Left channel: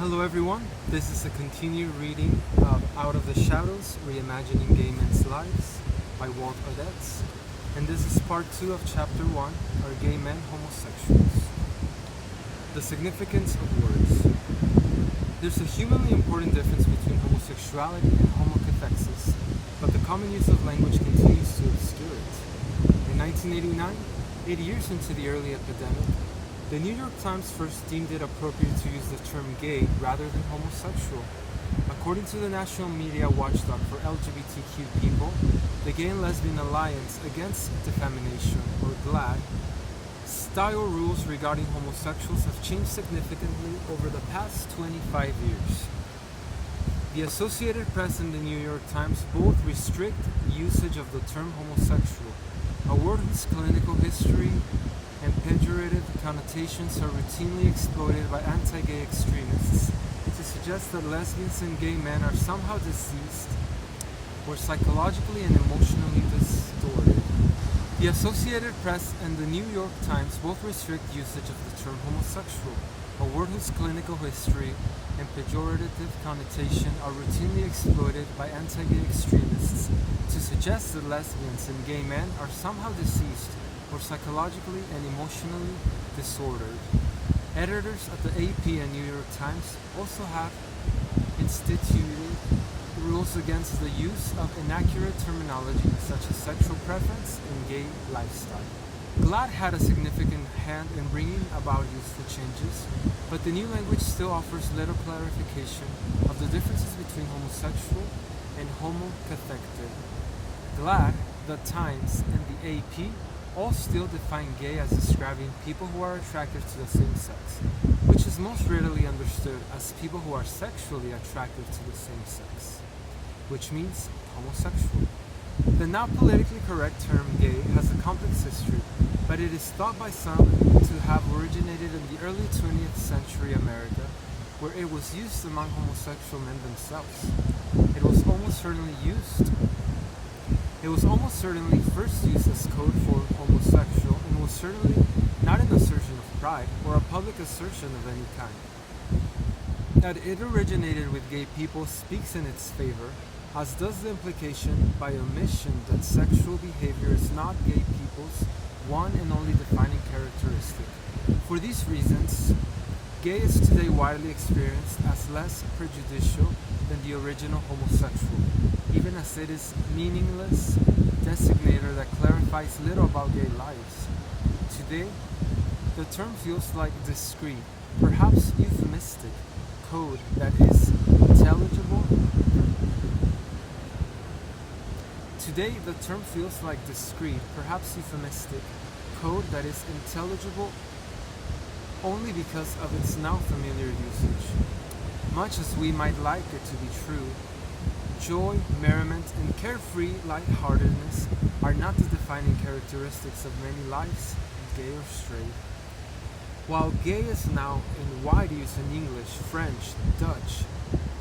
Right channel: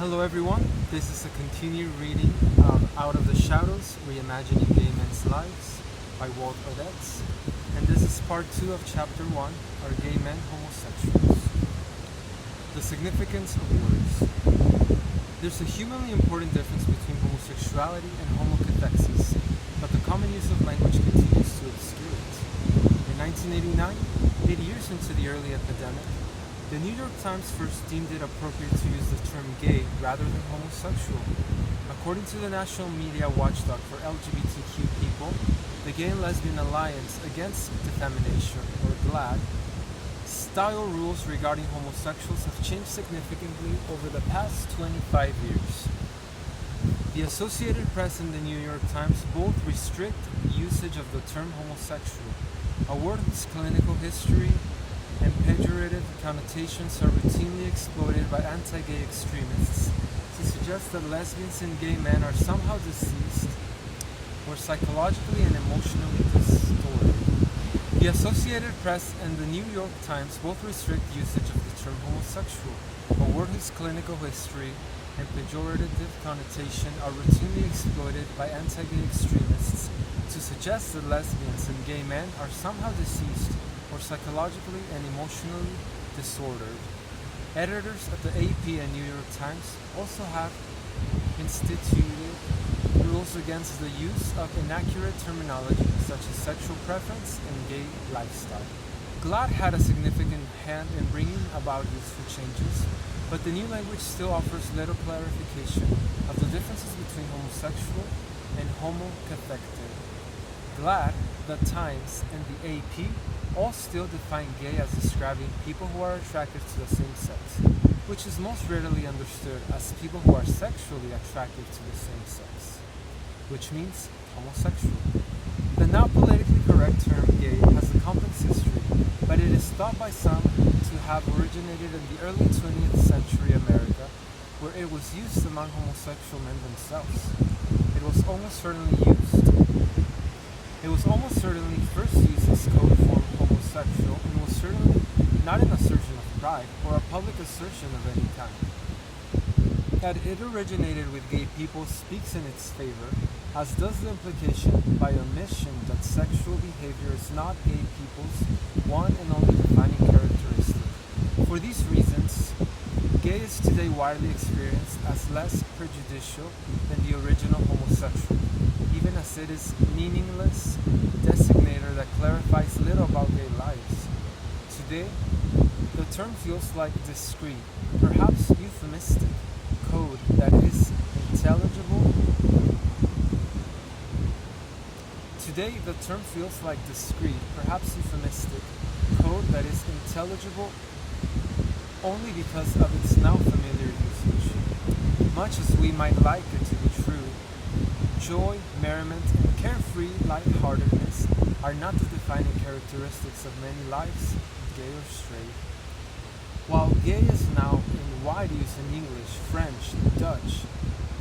Hello everyone, this is a continued reading of Out of the Shadows, Reimagining Gay Men's Lives by Walt Odets, and this is part 2 of chapter 1, Are Gay Men Homosexuals? The Significance of Words. There's a humanly important difference between homosexuality and homocathexis, but the common use of language continues to obscure it. In 1989, 8 years into the early epidemic, the New York Times first deemed it appropriate to use the term gay rather than homosexual. According to the National Media Watchdog for LGBTQ people, the Gay and Lesbian Alliance Against Defamation, or GLAAD, style rules regarding homosexuals have changed significantly over the past 25 years. The Associated Press and the New York Times both restrict usage of the term homosexual, a word whose clinical history and pejorative connotations are routinely exploited by anti-gay extremists to suggest that lesbians and gay men are somehow diseased or psychologically and emotionally distorted. The Associated Press and the New York Times both restrict usage of the term homosexual, a word whose clinical history and pejorative connotation are routinely exploited by anti-gay extremists to suggest that lesbians and gay men are somehow diseased or psychologically and emotionally disordered. Editors at the AP and New York Times also have instituted rules against the use of inaccurate terminology such as sexual preference and gay lifestyle. GLAAD had a significant hand in bringing about useful changes, but the new language still offers little clarification of the differences between homosexual and homocathectic. GLAAD, the Times, and the AP all still define gay as describing people who are attracted to the same sex, which is most readily understood as people who are sexually attracted to the same sex, which means homosexual. The now politically correct term gay has a complex history, but it is thought by some to have originated in the early 20th century America, where it was used among homosexual men themselves. It was almost certainly first used as code for homosexual and was certainly not an assertion of pride or a public assertion of any kind. That it originated with gay people speaks in its favor, as does the implication by omission that sexual behavior is not gay people's one and only defining characteristic. For these reasons, gay is today widely experienced as less prejudicial than the original homosexual, even as it is meaningless designator that clarifies little about gay lives. Today, the term feels like discreet, perhaps euphemistic, code that is intelligible. Today, the term feels like discreet, perhaps euphemistic, code that is intelligible only because of its now familiar usage. Much as we might like it to be true, joy, merriment, and carefree lightheartedness are not the defining characteristics of many lives, gay or straight. While gay is now in wide use in English, French, Dutch,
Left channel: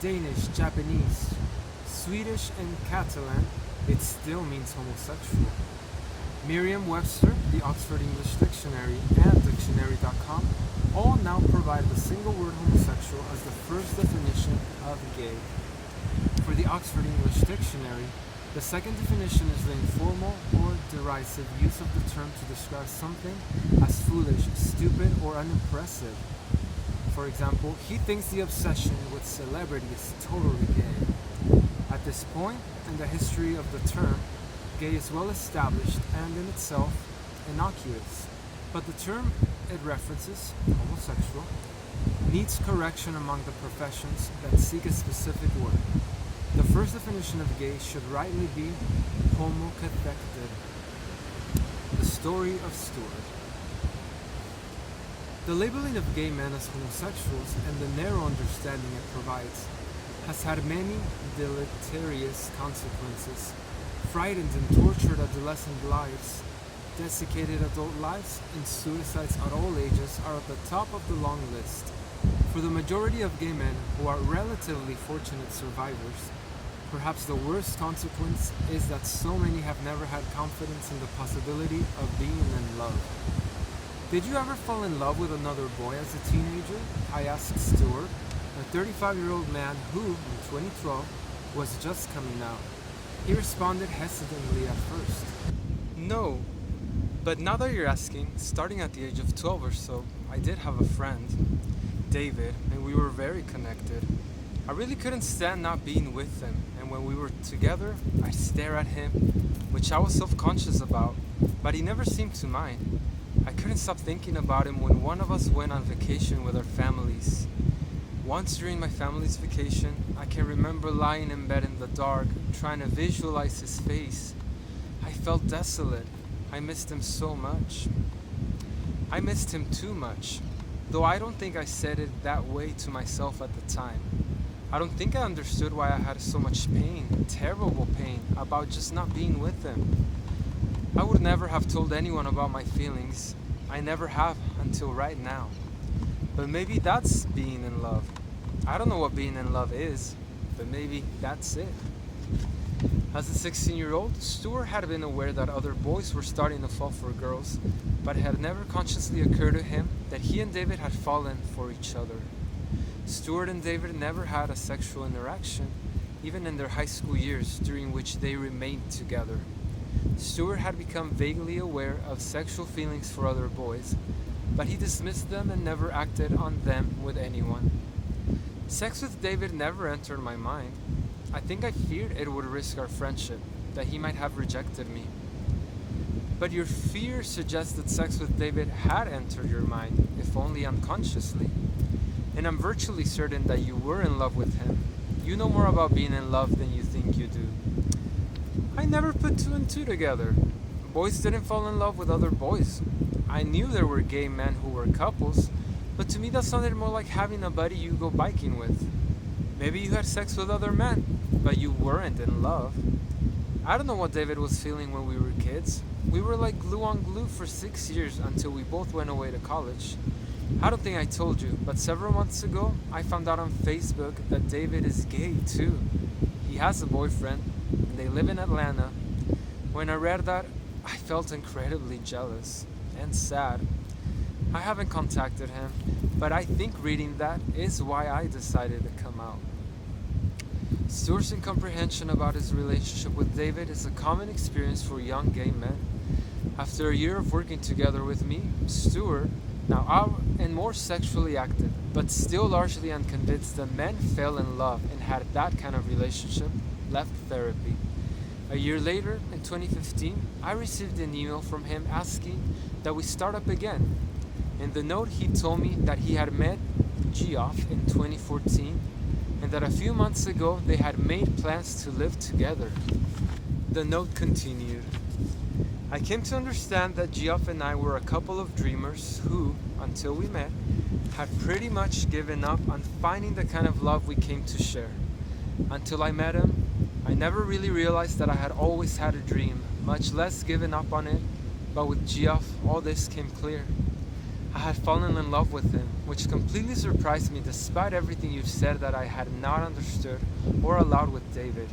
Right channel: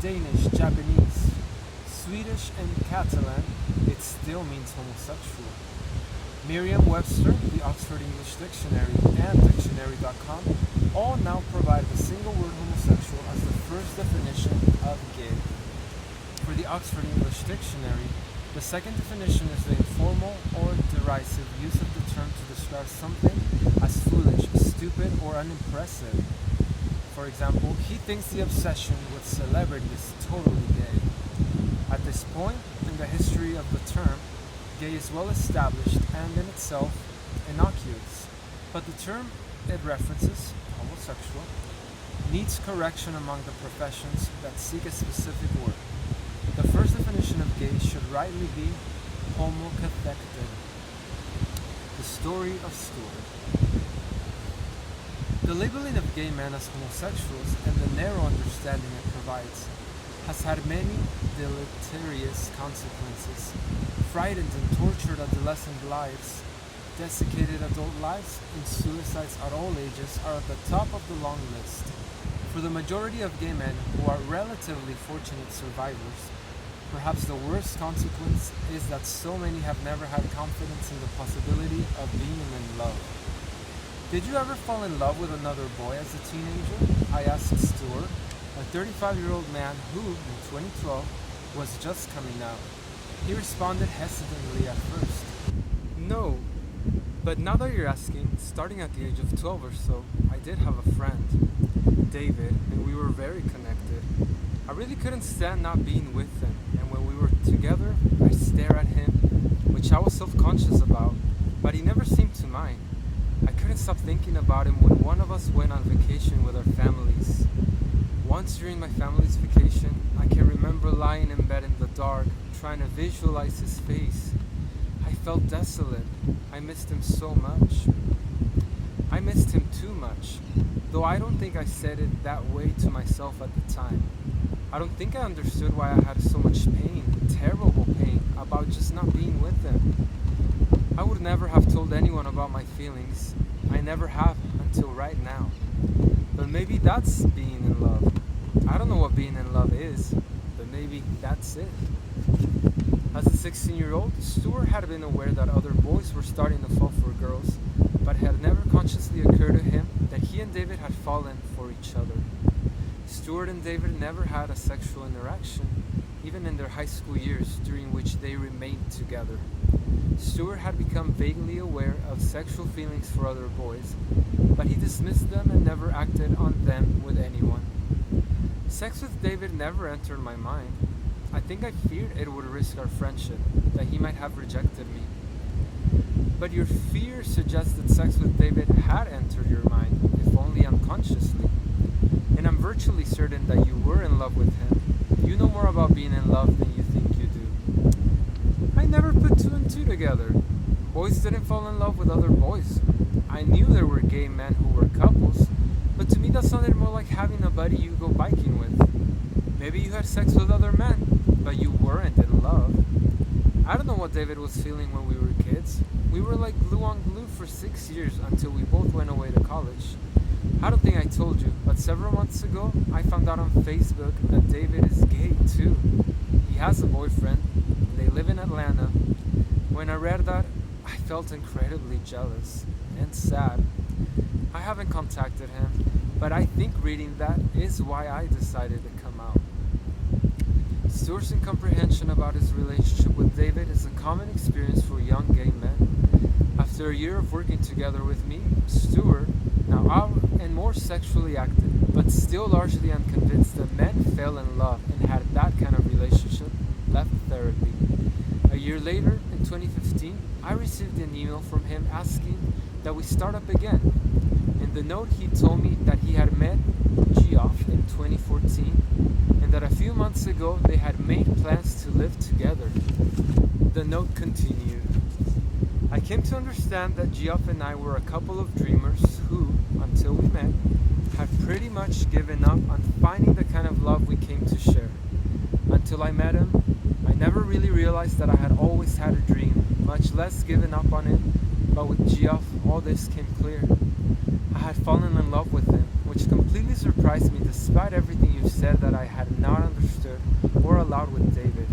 Danish, Japanese, Swedish, and Catalan, it still means homosexual. Merriam-Webster, the Oxford English Dictionary, and Dictionary.com all now provide the single word homosexual as the first definition of gay. For the Oxford English Dictionary, the second definition is the informal or derisive use of the term to describe something as foolish, stupid, or unimpressive. For example, he thinks the obsession with celebrity is totally gay. At this point in the history of the term, gay is well established and in itself innocuous, but the term it references, homosexual, needs correction among the professions that seek a specific word. The first definition of gay should rightly be homocathectic. The Story of Stuart. The labeling of gay men as homosexuals and the narrow understanding it provides has had many deleterious consequences. Frightened and tortured adolescent lives, desiccated adult lives, and suicides at all ages are at the top of the long list. For the majority of gay men who are relatively fortunate survivors, perhaps the worst consequence is that so many have never had confidence in the possibility of being in love. Did you ever fall in love with another boy as a teenager? I asked Stuart, a 35-year-old man who, in 2012, was just coming out. He responded hesitantly at first. No, but now that you're asking, starting at the age of 12 or so, I did have a friend, David, and we were very connected. I really couldn't stand not being with him, and when we were together, I'd stare at him, which I was self-conscious about, but he never seemed to mind. I couldn't stop thinking about him when one of us went on vacation with our families. Once during my family's vacation, I can remember lying in bed in the dark, trying to visualize his face. I felt desolate. I missed him so much. I missed him too much, though I don't think I said it that way to myself at the time. I don't think I understood why I had so much pain, terrible pain, about just not being with him. I would never have told anyone about my feelings. I never have until right now. But maybe that's being in love. I don't know what being in love is, but maybe that's it. As a 16-year-old, Stuart had been aware that other boys were starting to fall for girls, but it had never consciously occurred to him that he and David had fallen for each other. Stuart and David never had a sexual interaction, even in their high school years during which they remained together. Stuart had become vaguely aware of sexual feelings for other boys, but he dismissed them and never acted on them with anyone. Sex with David never entered my mind. I think I feared it would risk our friendship, that he might have rejected me. But your fear suggests that sex with David had entered your mind, if only unconsciously. And I'm virtually certain that you were in love with him. You know more about being in love than you think you do. I never put two and two together. Boys didn't fall in love with other boys. I knew there were gay men who were couples, but to me that sounded more like having a buddy you go biking with. Maybe you had sex with other men, but you weren't in love. I don't know what David was feeling when we were kids. We were like glue on glue for 6 years until we both went away to college. I don't think I told you, but several months ago, I found out on Facebook that David is gay too. He has a boyfriend, and they live in Atlanta. When I read that, I felt incredibly jealous and sad. I haven't contacted him, but I think reading that is why I decided to come out. Stuart's incomprehension about his relationship with David is a common experience for young gay men. After a year of working together with me, Stuart, now out and more sexually active, but still largely unconvinced that men fell in love and had that kind of relationship, left therapy. A year later, in 2015, I received an email from him asking that we start up again. In the note, he told me that he had met Geoff in 2014 and that a few months ago they had made plans to live together. The note continued. I came to understand that Geoff and I were a couple of dreamers who, until we met, had pretty much given up on finding the kind of love we came to share. Until I met him, I never really realized that I had always had a dream, much less given up on it, but with Geoff, all this came clear. I had fallen in love with him, which completely surprised me despite everything you said that I had not understood or allowed with David.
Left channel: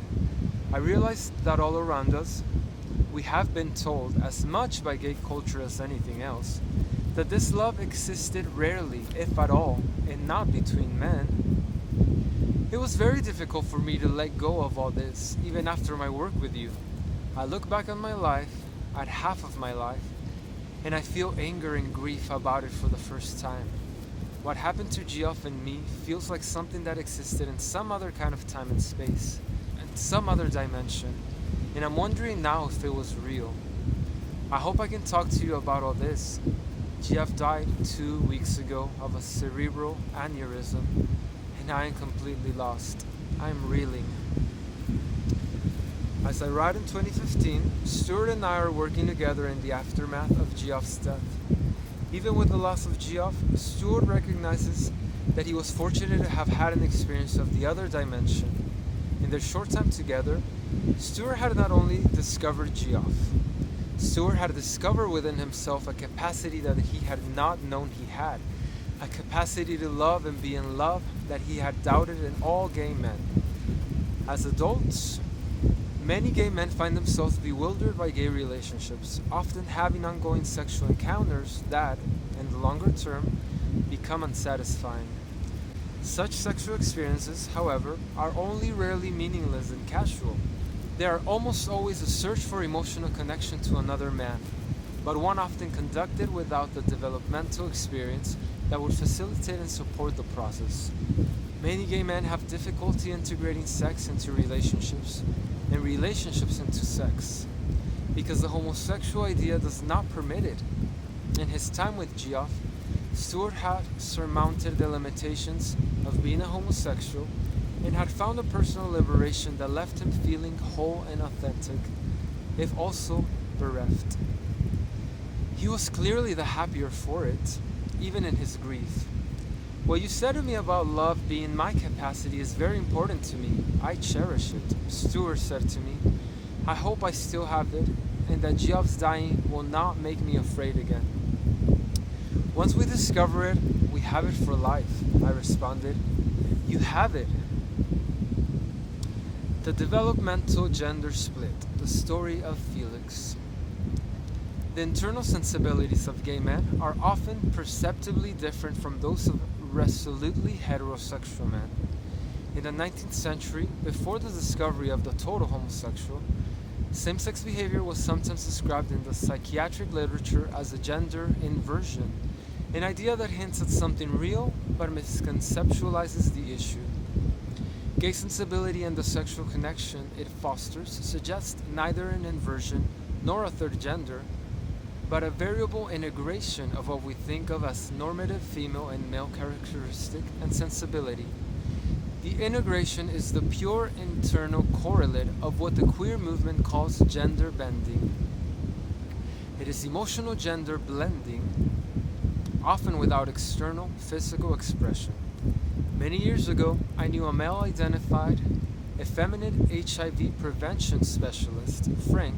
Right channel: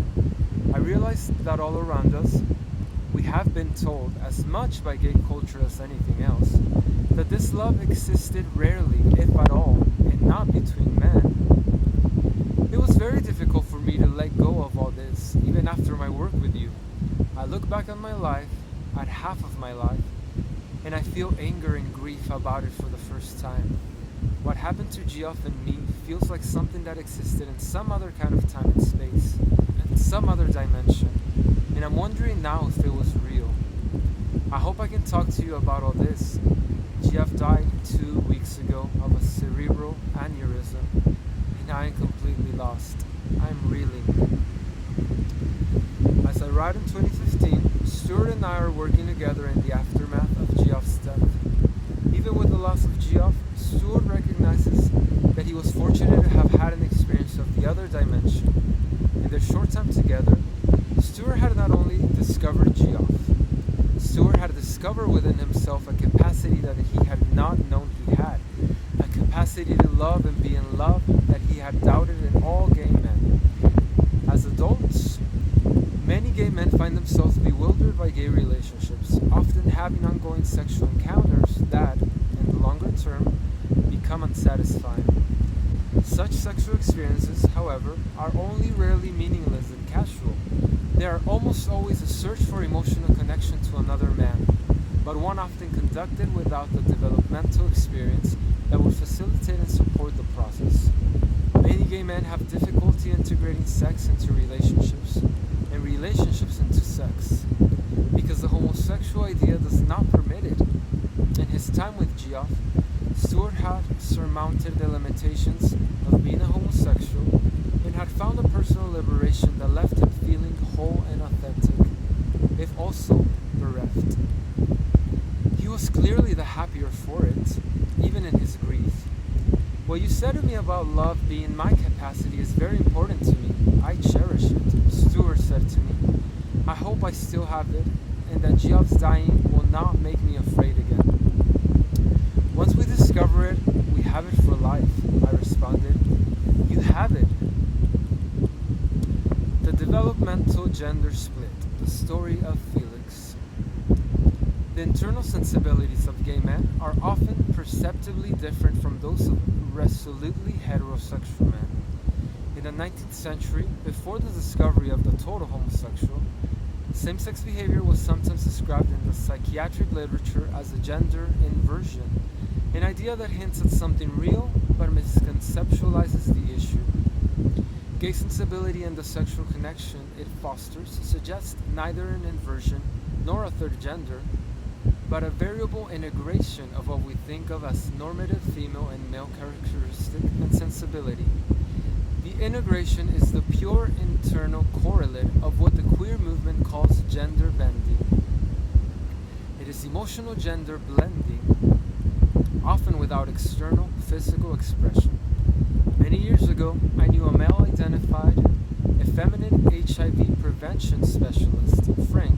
I realized that all around us, we have been told, as much by gay culture as anything else, that this love existed rarely, if at all, and not between men. It was very difficult for me to let go of all this, even after my work with you. I look back on my life, at half of my life, and I feel anger and grief about it for the first time. What happened to Geoff and me feels like something that existed in some other kind of time and space, and some other dimension, and I'm wondering now if it was real. I hope I can talk to you about all this. Geoff died 2 weeks ago of a cerebral aneurysm, and I am completely lost. I'm reeling. As I write in 2015, Stuart and I are working together in the aftermath of Geoff's death. Even with the loss of Geoff, Stuart recognizes that he was fortunate to have had an experience of the other dimension. In their short time together, Stuart had not only discovered Geoff, Stuart had discovered within himself a capacity that he had not known he had, a capacity to love and be in love that he had doubted in all gay men. As adults, many gay men find themselves bewildered by gay relationships, often having ongoing sexual encounters that, in the longer term, become unsatisfying. Such sexual experiences, however, are only rarely meaningless and casual. They are almost always a search for emotional connection to another man, but one often conducted without the developmental experience that would facilitate and support the process. Many gay men have difficulty integrating sex into relationships and relationships into sex because the homosexual idea does not permit it. In his time with Geoff, Stuart had surmounted the limitations of being a homosexual and had found a personal liberation that left him feeling whole and authentic, if also bereft. He was clearly the happier for it, even in his grief. What you said to me about love being my capacity is very important to me. I cherish it, Stuart said to me. I hope I still have it, and that Geoff's dying will not make me afraid again. Once we discover it, we have it for life, I responded. You have it. The developmental gender split, the story of Felix. The internal sensibilities of gay men are often perceptibly different from those of resolutely heterosexual men. In the 19th century, before the discovery of the total homosexual, same-sex behavior was sometimes described in the psychiatric literature as a gender inversion, an idea that hints at something real but misconceptualizes the issue. Gay sensibility and the sexual connection it fosters suggest neither an inversion nor a third gender, but a variable integration of what we think of as normative female and male characteristic and sensibility. The integration is the pure internal correlate of what the queer movement calls gender bending. It is emotional gender blending, often without external physical expression. Many years ago, I knew a male-identified, effeminate HIV prevention specialist, Frank,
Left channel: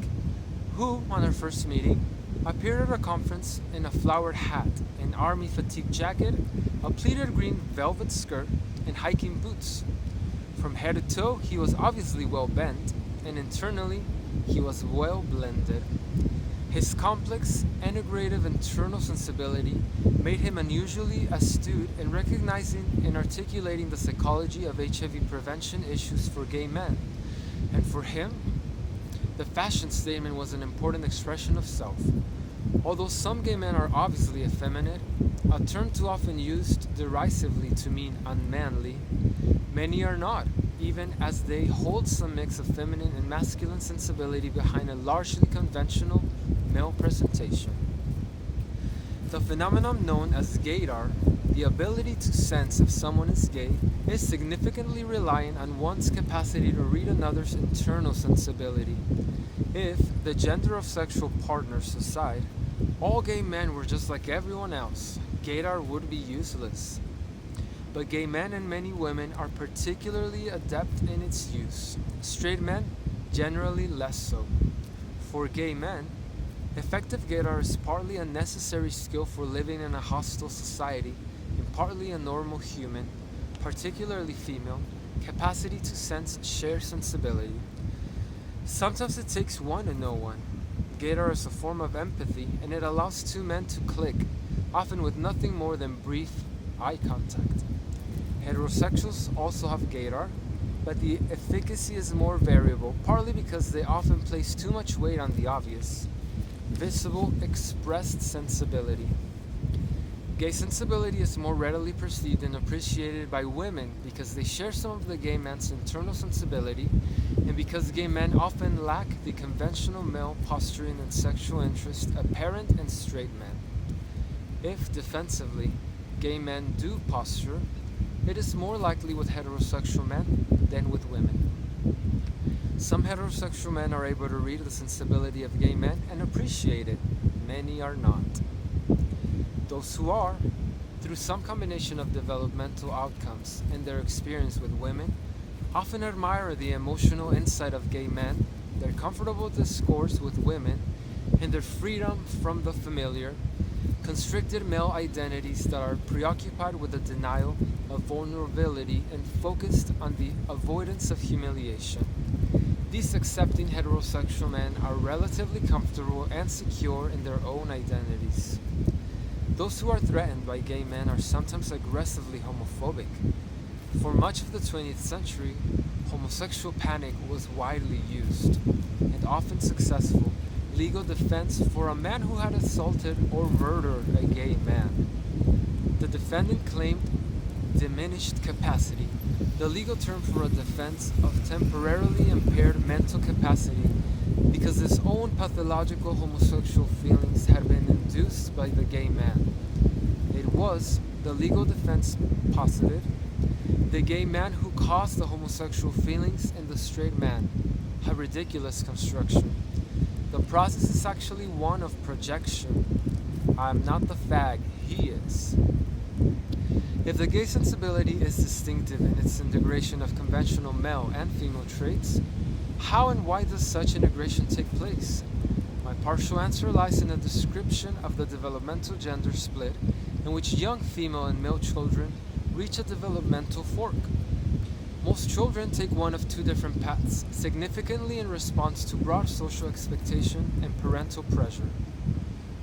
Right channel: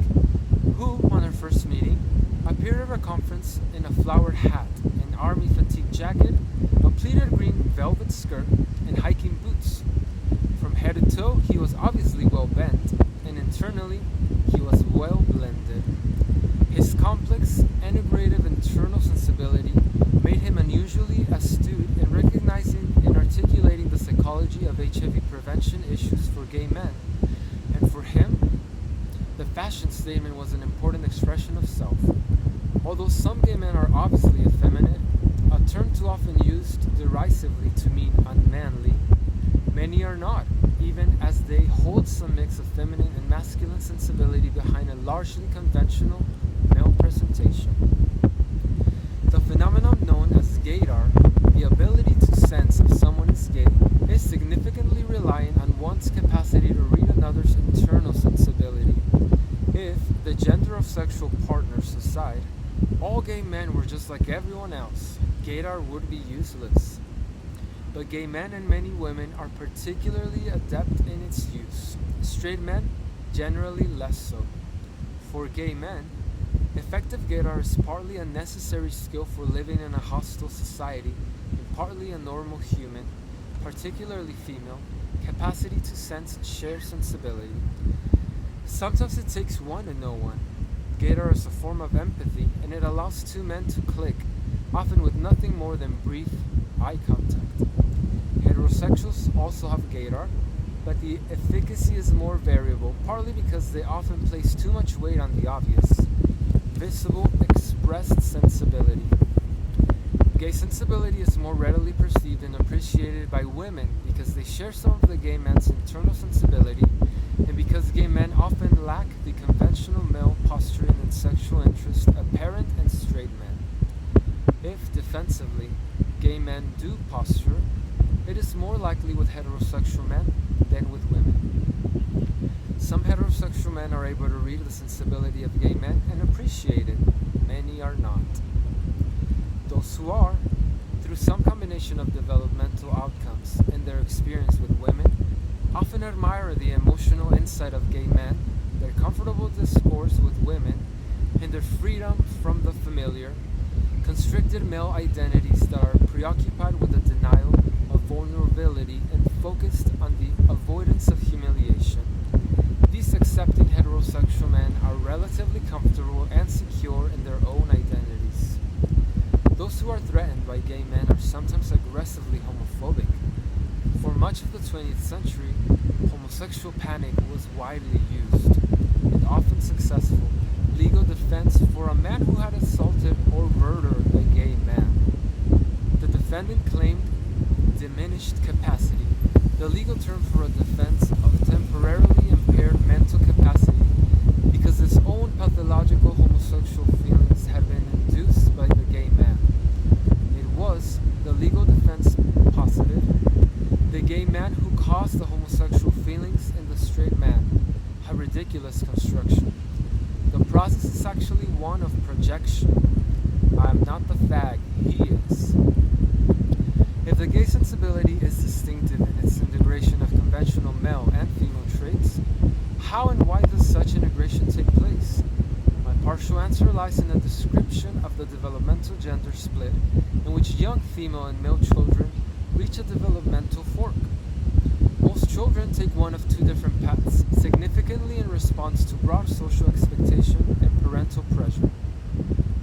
who, on our first meeting, appeared at a conference in a flowered hat, an army fatigue jacket, a pleated green velvet skirt, and hiking boots. From head to toe, he was obviously well bent, and internally, he was well blended. His complex, integrative internal sensibility made him unusually astute in recognizing and articulating the psychology of HIV prevention issues for gay men. And for him, the fashion statement was an important expression of self. Although some gay men are obviously effeminate, a term too often used derisively to mean unmanly, many are not, even as they hold some mix of feminine and masculine sensibility behind a largely conventional male presentation. The phenomenon known as Gaydar, the ability to sense if someone is gay, is significantly reliant on one's capacity to read another's internal sensibility. If, the gender of sexual partners aside, all gay men were just like everyone else, Gaydar would be useless. But gay men and many women are particularly adept in its use. Straight men, generally less so. For gay men, effective Gaydar is partly a necessary skill for living in a hostile society and partly a normal human, particularly female, capacity to sense shared sensibility. Sometimes it takes one to know one. Gaydar is a form of empathy, and it allows two men to click, often with nothing more than brief eye contact. Heterosexuals also have Gaydar, but the efficacy is more variable, partly because they often place too much weight on the obvious, visible, expressed sensibility. Gay sensibility is more readily perceived and appreciated by women because they share some of the gay man's internal sensibility, and because gay men often lack the conventional male posturing and sexual interest apparent in straight men. If, defensively, gay men do posture, it is more likely with heterosexual men than with women. Some heterosexual men are able to read the sensibility of gay men and appreciate it. Many are not. Those who are, through some combination of developmental outcomes and their experience with women, often admire the emotional insight of gay men, their comfortable discourse with women, and their freedom from the familiar, constricted male identities that are preoccupied with the denial of vulnerability and focused on the avoidance of humiliation. These accepting heterosexual men are relatively comfortable and secure in their own identities. Those who are threatened by gay men are sometimes aggressively homophobic. For much of the 20th century, homosexual panic was widely used, and often successful, legal defense for a man who had assaulted or murdered a gay man. The defendant claimed diminished capacity, the legal term for a defense of temporarily impaired mental capacity, because his own pathological homosexual feelings had been induced by the gay man. It was, the legal defense posited, the gay man who caused the homosexual feelings in the straight man, a ridiculous construction. The process is actually one of projection. I am not the fag, he is. If the gay sensibility is distinctive in its integration of conventional male and female traits, how and why does such integration take place? My partial answer lies in a description of the developmental gender split in which young female and male children reach a developmental fork. Most children take one of two different paths, significantly in response to broad social expectation and parental pressure.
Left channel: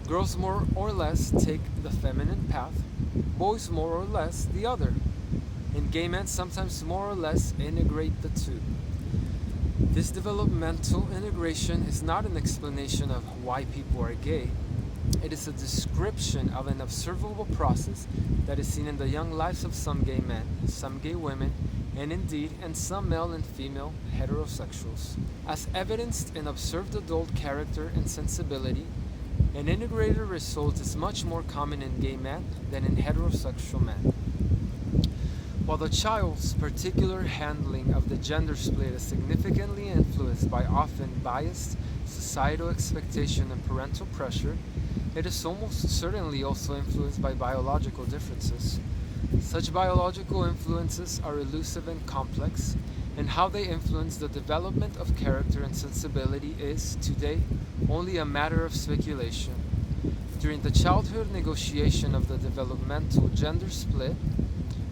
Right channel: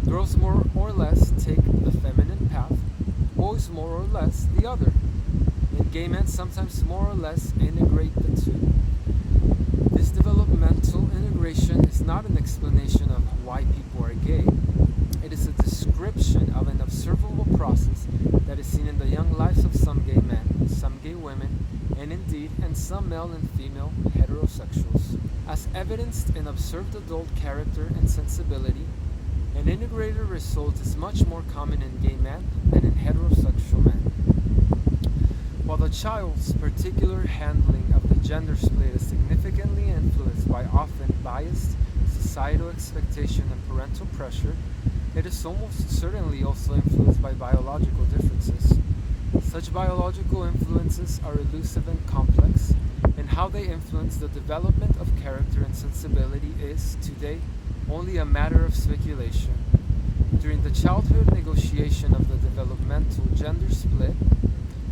Girls more or less take the feminine path, boys more or less the other, and gay men sometimes more or less integrate the two. This developmental integration is not an explanation of why people are gay. It is a description of an observable process that is seen in the young lives of some gay men, some gay women, and indeed in some male and female heterosexuals. As evidenced in observed adult character and sensibility, an integrated result is much more common in gay men than in heterosexual men. While the child's particular handling of the gender split is significantly influenced by often biased societal expectation and parental pressure, it is almost certainly also influenced by biological differences. Such biological influences are elusive and complex, and how they influence the development of character and sensibility is, today, only a matter of speculation. During the childhood negotiation of the developmental gender split,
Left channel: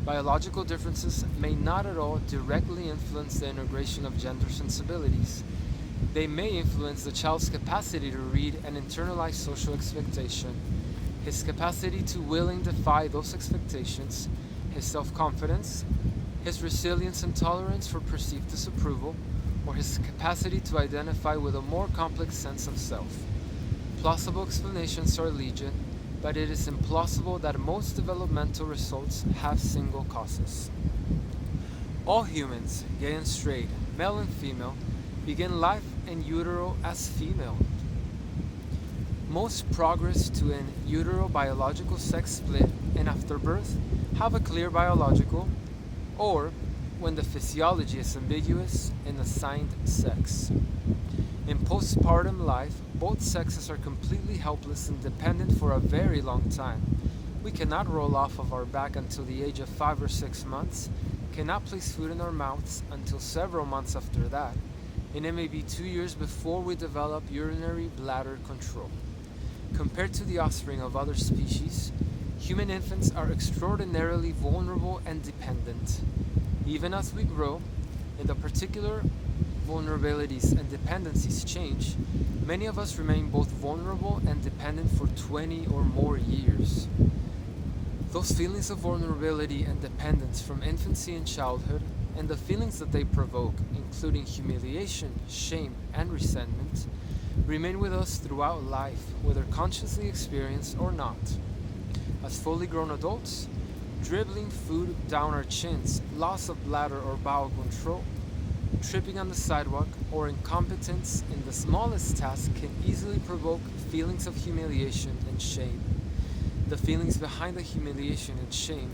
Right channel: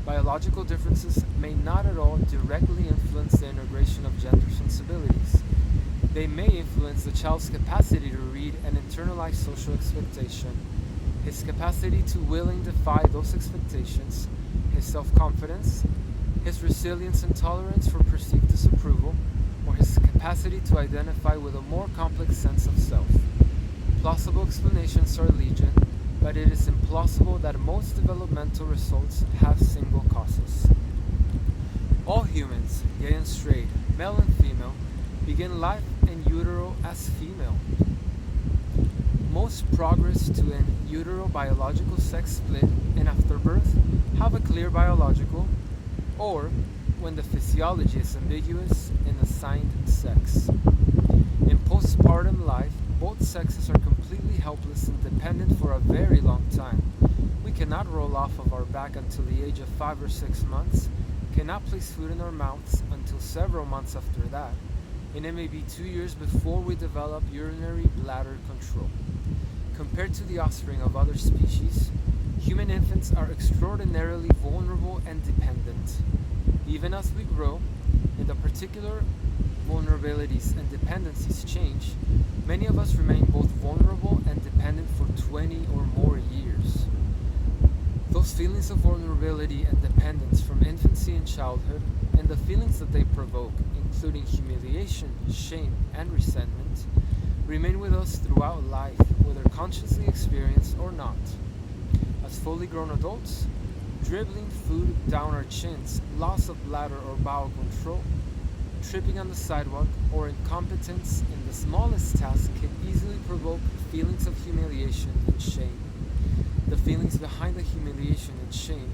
biological differences may not at all directly influence the integration of gender sensibilities. They may influence the child's capacity to read and internalize social expectation, his capacity to willing defy those expectations, his self-confidence, his resilience and tolerance for perceived disapproval, or his capacity to identify with a more complex sense of self. Plausible explanations are legion, but it is implausible that most developmental results have single causes. All humans, gay and straight, male and female, begin life in utero as female. Most progress to an utero-biological sex split and after birth have a clear biological, or when the physiology is ambiguous, an assigned sex. In postpartum life, both sexes are completely helpless and dependent for a very long time. We cannot roll off of our back until the age of 5 or 6 months, cannot place food in our mouths until several months after that, and it may be 2 years before we develop urinary bladder control. Compared to the offspring of other species, human infants are extraordinarily vulnerable and dependent. Even as we grow, and the particular vulnerabilities and dependencies change, many of us remain both vulnerable and dependent for 20 or more years. Those feelings of vulnerability and dependence from infancy and childhood, and the feelings that they provoke, including humiliation, shame, and resentment, remain with us throughout life, whether consciously experienced or not. As fully grown adults, dribbling food down our chins, loss of bladder or bowel control, tripping on the sidewalk, or incompetence in the smallest task can easily provoke feelings of humiliation and shame. The feelings behind the humiliation and shame,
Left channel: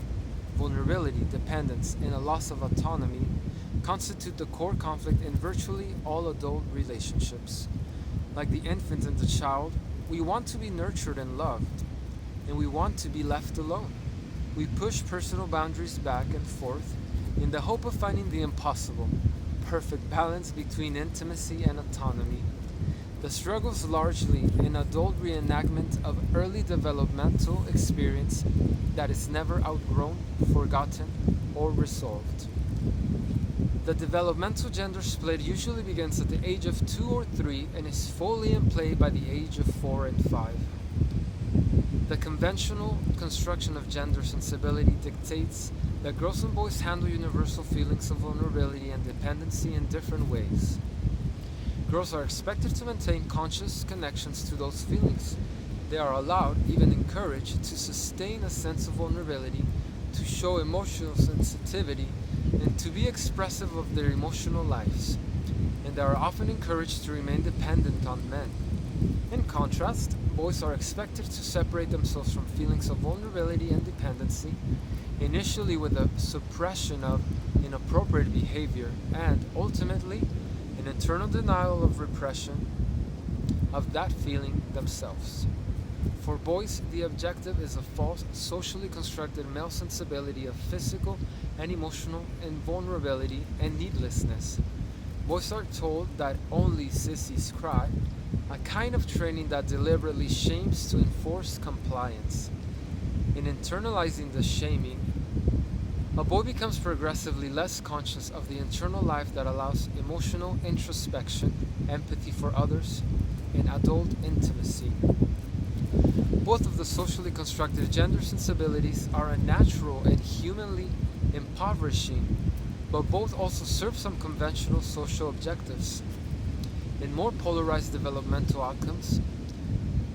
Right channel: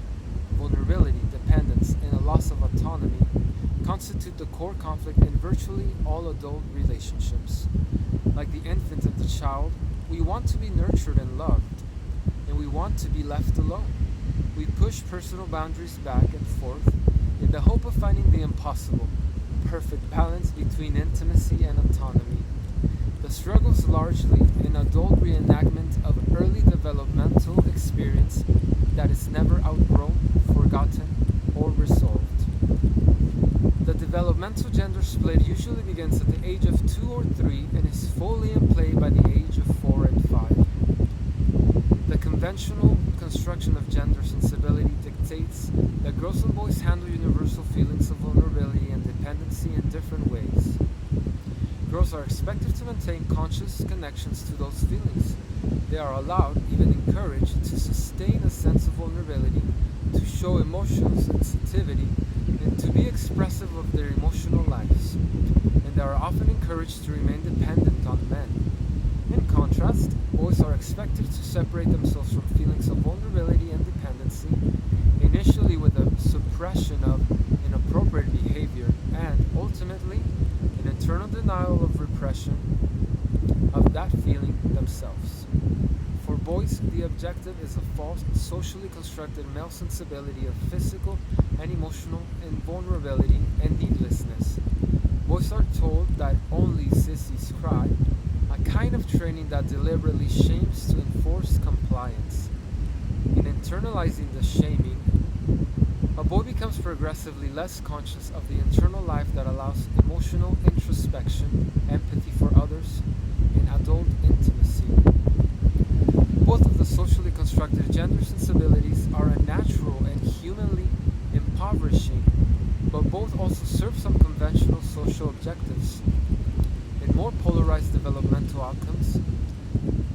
vulnerability, dependence, and a loss of autonomy constitute the core conflict in virtually all adult relationships. Like the infant and the child, we want to be nurtured and loved, and we want to be left alone. We push personal boundaries back and forth in the hope of finding the impossible, perfect balance between intimacy and autonomy. The struggle is largely an adult reenactment of early developmental experience that is never outgrown, forgotten, or resolved. The developmental gender split usually begins at the age of 2 or 3 and is fully in play by the age of 4 and 5. The conventional construction of gender sensibility dictates that girls and boys handle universal feelings of vulnerability and dependency in different ways. Girls are expected to maintain conscious connections to those feelings. They are allowed, even encouraged, to sustain a sense of vulnerability, to show emotional sensitivity, and to be expressive of their emotional lives. And they are often encouraged to remain dependent on men. In contrast, boys are expected to separate themselves from feelings of vulnerability and dependency, initially with a suppression of inappropriate behavior and, ultimately, an internal denial of repression of that feeling themselves. For boys, the objective is a false, socially constructed male sensibility of physical and emotional invulnerability and needlessness. Boys are told that only sissies cry, a kind of training that deliberately shames to enforce compliance. In internalizing the shaming, a boy becomes progressively less conscious of the internal life that allows emotional introspection, empathy for others, and adult intimacy. Both of the socially constructed gender sensibilities are unnatural and humanly impoverishing, but both also serve some conventional social objectives. In more polarized developmental outcomes,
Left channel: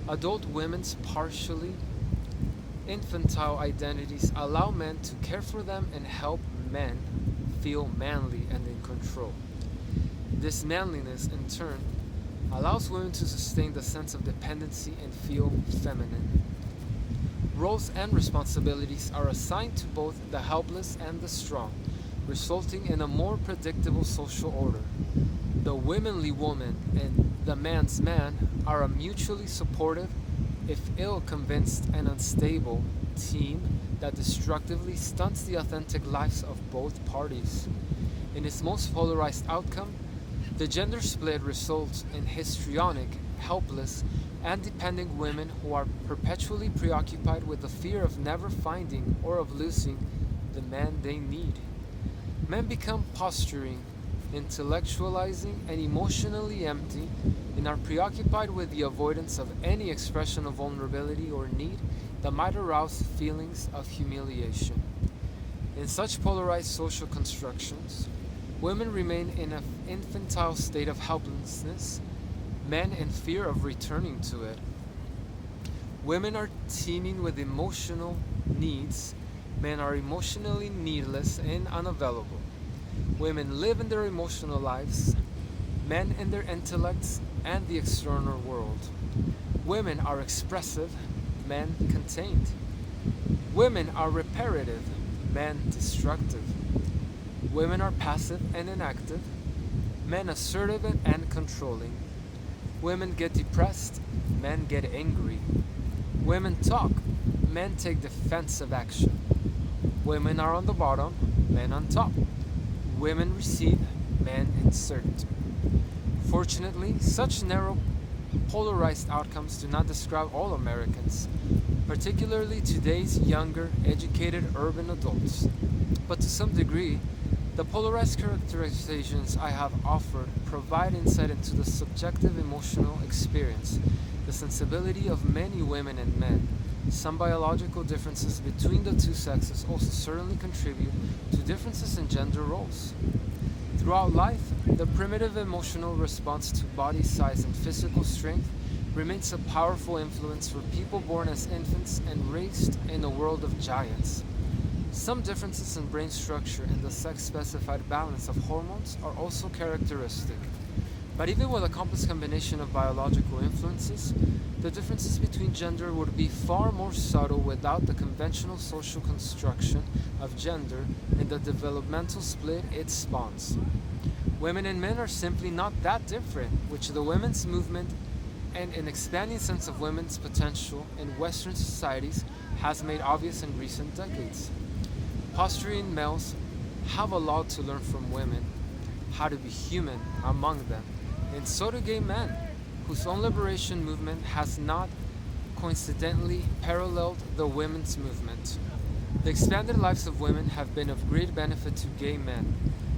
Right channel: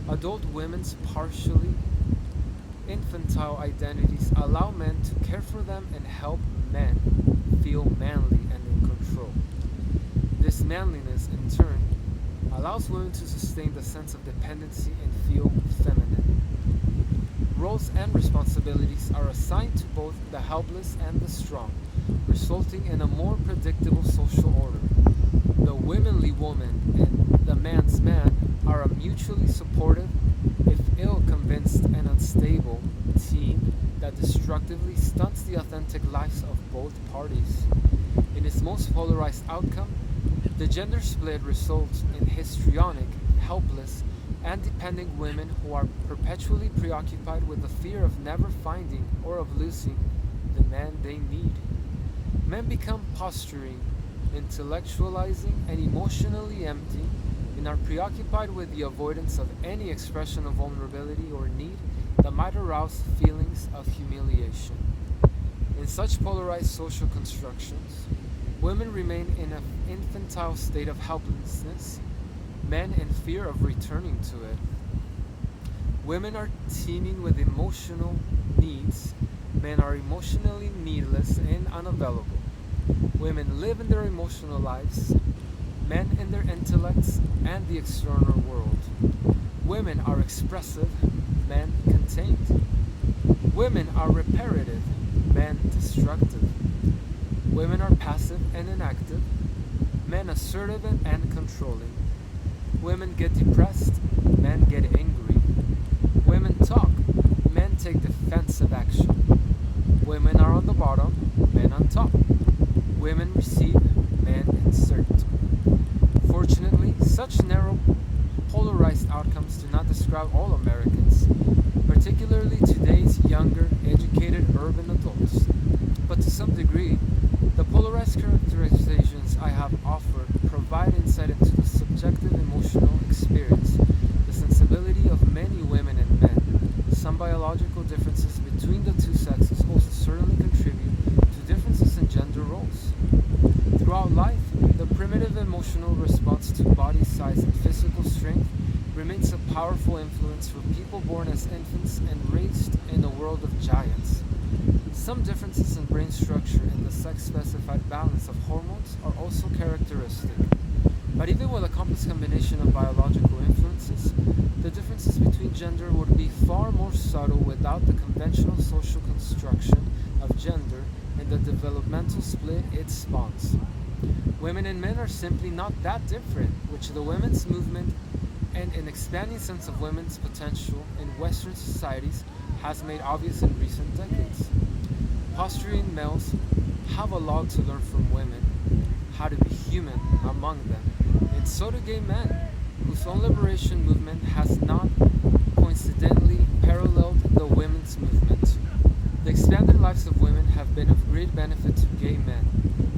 adult women's partially infantile identities allow men to care for them and help men feel manly and in control. This manliness, in turn, allows women to sustain the sense of dependency and feel feminine. Roles and responsibilities are assigned to both the helpless and the strong, resulting in a more predictable social order. The womanly woman and the man's man are a mutually supportive, if ill-convinced and unstable, team that destructively stunts the authentic lives of both parties. In its most polarized outcome, the gender split results in histrionic, helpless, and dependent women who are perpetually preoccupied with the fear of never finding or of losing the man they need. Men become posturing, intellectualizing, and emotionally empty, and are preoccupied with the avoidance of any expression of vulnerability or need that might arouse feelings of humiliation. In such polarized social constructions, women remain in an infantile state of helplessness, men in fear of returning to it. Women are teeming with emotional needs, men are emotionally needless and unavailable. Women live in their emotional lives, men in their intellects and the external world. Women are expressive, men contained. Women are reparative, men destructive. Women are passive and inactive, men assertive and controlling. Women get depressed, men get angry. Women talk, men take defensive action. Women are on the bottom, men on top. Women receive, men insert. Fortunately, such narrow, polarized outcomes do not describe all Americans, particularly today's younger, educated urban adults. But to some degree, the polarized characterizations I have offered provide insight into the subjective emotional experience, the sensibility of many women and men. Some biological differences between the two sexes also certainly contribute to differences in gender roles. Throughout life, the primitive emotional response to body size and physical strength remains a powerful influence for people born as infants and raised in a world of giants. Some differences in brain structure and the sex-specified balance of hormones are also characteristic. But even with a complex combination of biological influences, the differences between gender would be far more subtle without the conventional social construction of gender and the developmental split it spawns. Women and men are simply not that different, which the women's movement and an expanding sense of women's potential in Western societies has made obvious in recent decades. Posturing males have a lot to learn from women, how to be human among them, and so do gay men, whose own liberation movement has not coincidentally paralleled the women's movement. The expanded lives of women have been of great benefit to gay men,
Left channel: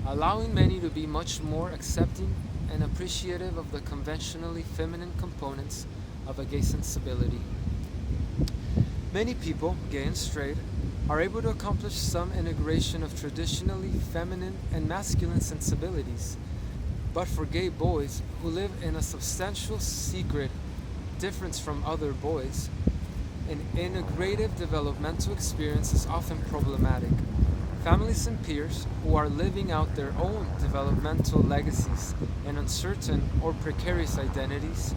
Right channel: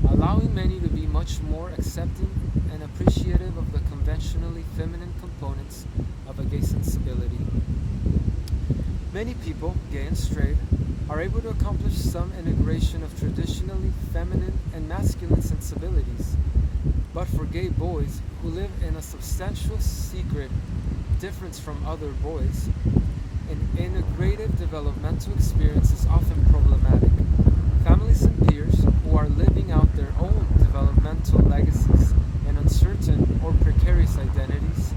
allowing many to be much more accepting and appreciative of the conventionally feminine components of a gay sensibility. Many people, gay and straight, are able to accomplish some integration of traditionally feminine and masculine sensibilities. But for gay boys who live in a substantial secret difference from other boys, an integrative developmental experience is often problematic. Families and peers who are living out their own developmental legacies and uncertain or precarious identities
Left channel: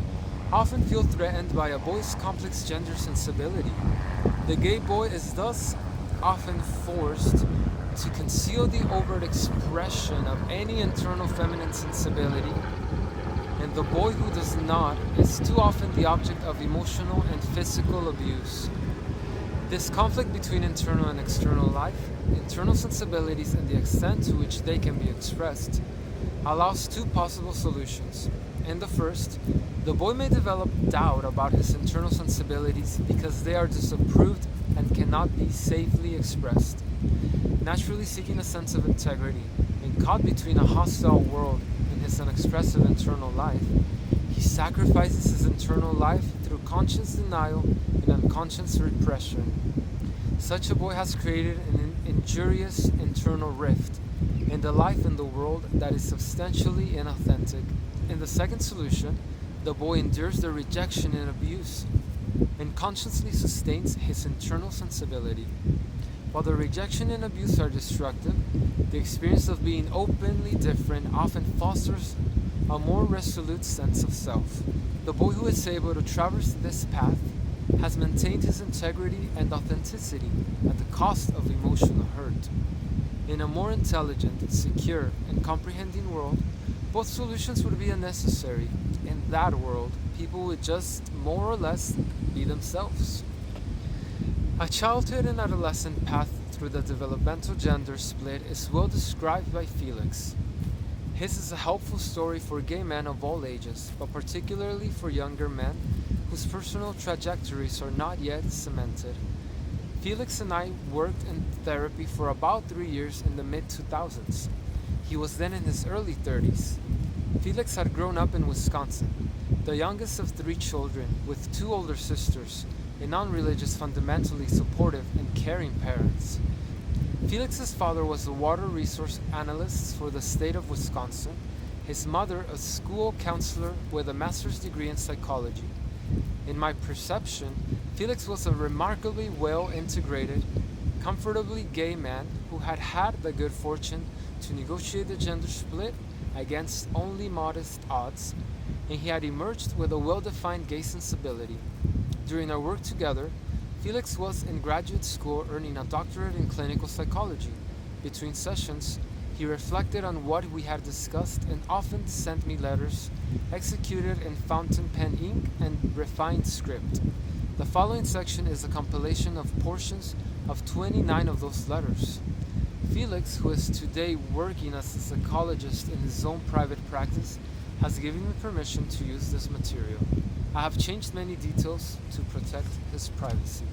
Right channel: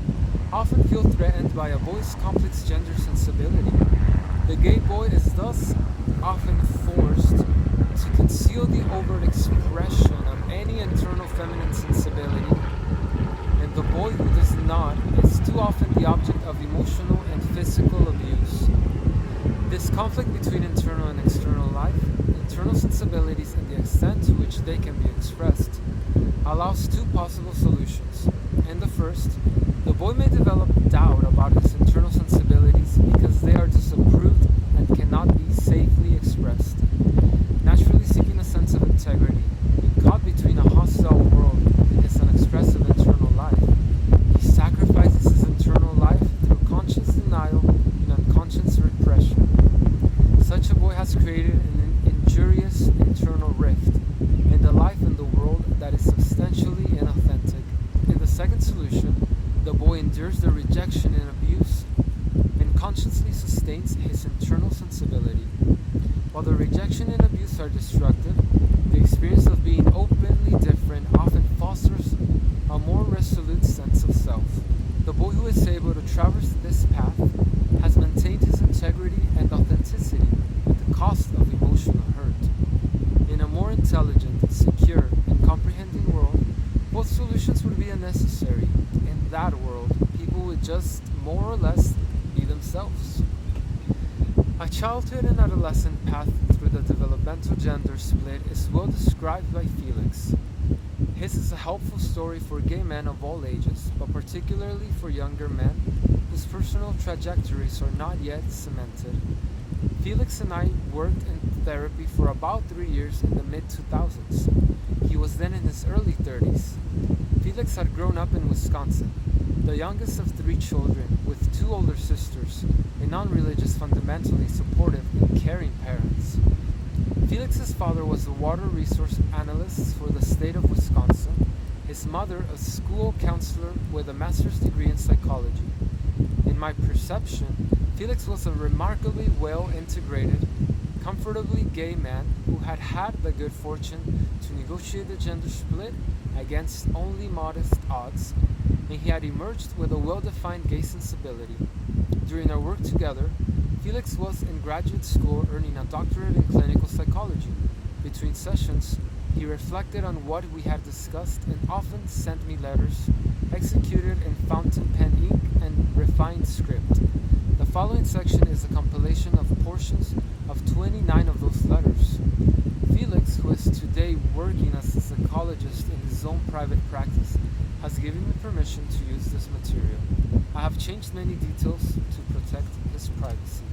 often feel threatened by a boy's complex gender sensibility. The gay boy is thus often forced to conceal the overt expression of any internal feminine sensibility, and the boy who does not is too often the object of emotional and physical abuse. This conflict between internal and external life, internal sensibilities, and the extent to which they can be expressed allows two possible solutions. In the first, the boy may develop doubt about his internal sensibilities because they are disapproved and cannot be safely expressed. Naturally seeking a sense of integrity, and caught between a hostile world and his unexpressive internal life, he sacrifices his internal life through conscious denial and unconscious repression. Such a boy has created an injurious internal rift and a life in the world that is substantially inauthentic. In the second solution, the boy endures the rejection and abuse and consciously sustains his internal sensibility. While the rejection and abuse are destructive, the experience of being openly different often fosters a more resolute sense of self. The boy who is able to traverse this path has maintained his integrity and authenticity at the cost of emotional hurt. In a more intelligent, secure, and comprehending world, both solutions would be unnecessary. In that world, people would just more or less be themselves. A childhood and adolescent path through the developmental gender split is well described by Felix. His is a helpful story for gay men of all ages, but particularly for younger men whose personal trajectories are not yet cemented. Felix and I worked in therapy for about 3 years in the mid-2000s. He was then in his early 30s. Felix had grown up in Wisconsin, the youngest of 3 children, with 2 older sisters, and non-religious, fundamentally supportive and caring parents. Felix's father was a water resource analyst for the state of Wisconsin, his mother a school counselor with a master's degree in psychology. In my perception, Felix was a remarkably well-integrated, comfortably gay man who had had the good fortune to negotiate the gender split against only modest odds, and he had emerged with a well-defined gay sensibility. During our work together, Felix was in graduate school earning a doctorate in clinical psychology. Between sessions, he reflected on what we had discussed and often sent me letters executed in fountain pen ink and refined script. The following section is a compilation of portions of 29 of those letters. Felix, who is today working as a psychologist in his own private practice, has given me permission to use this material. I have changed many details to protect his privacy.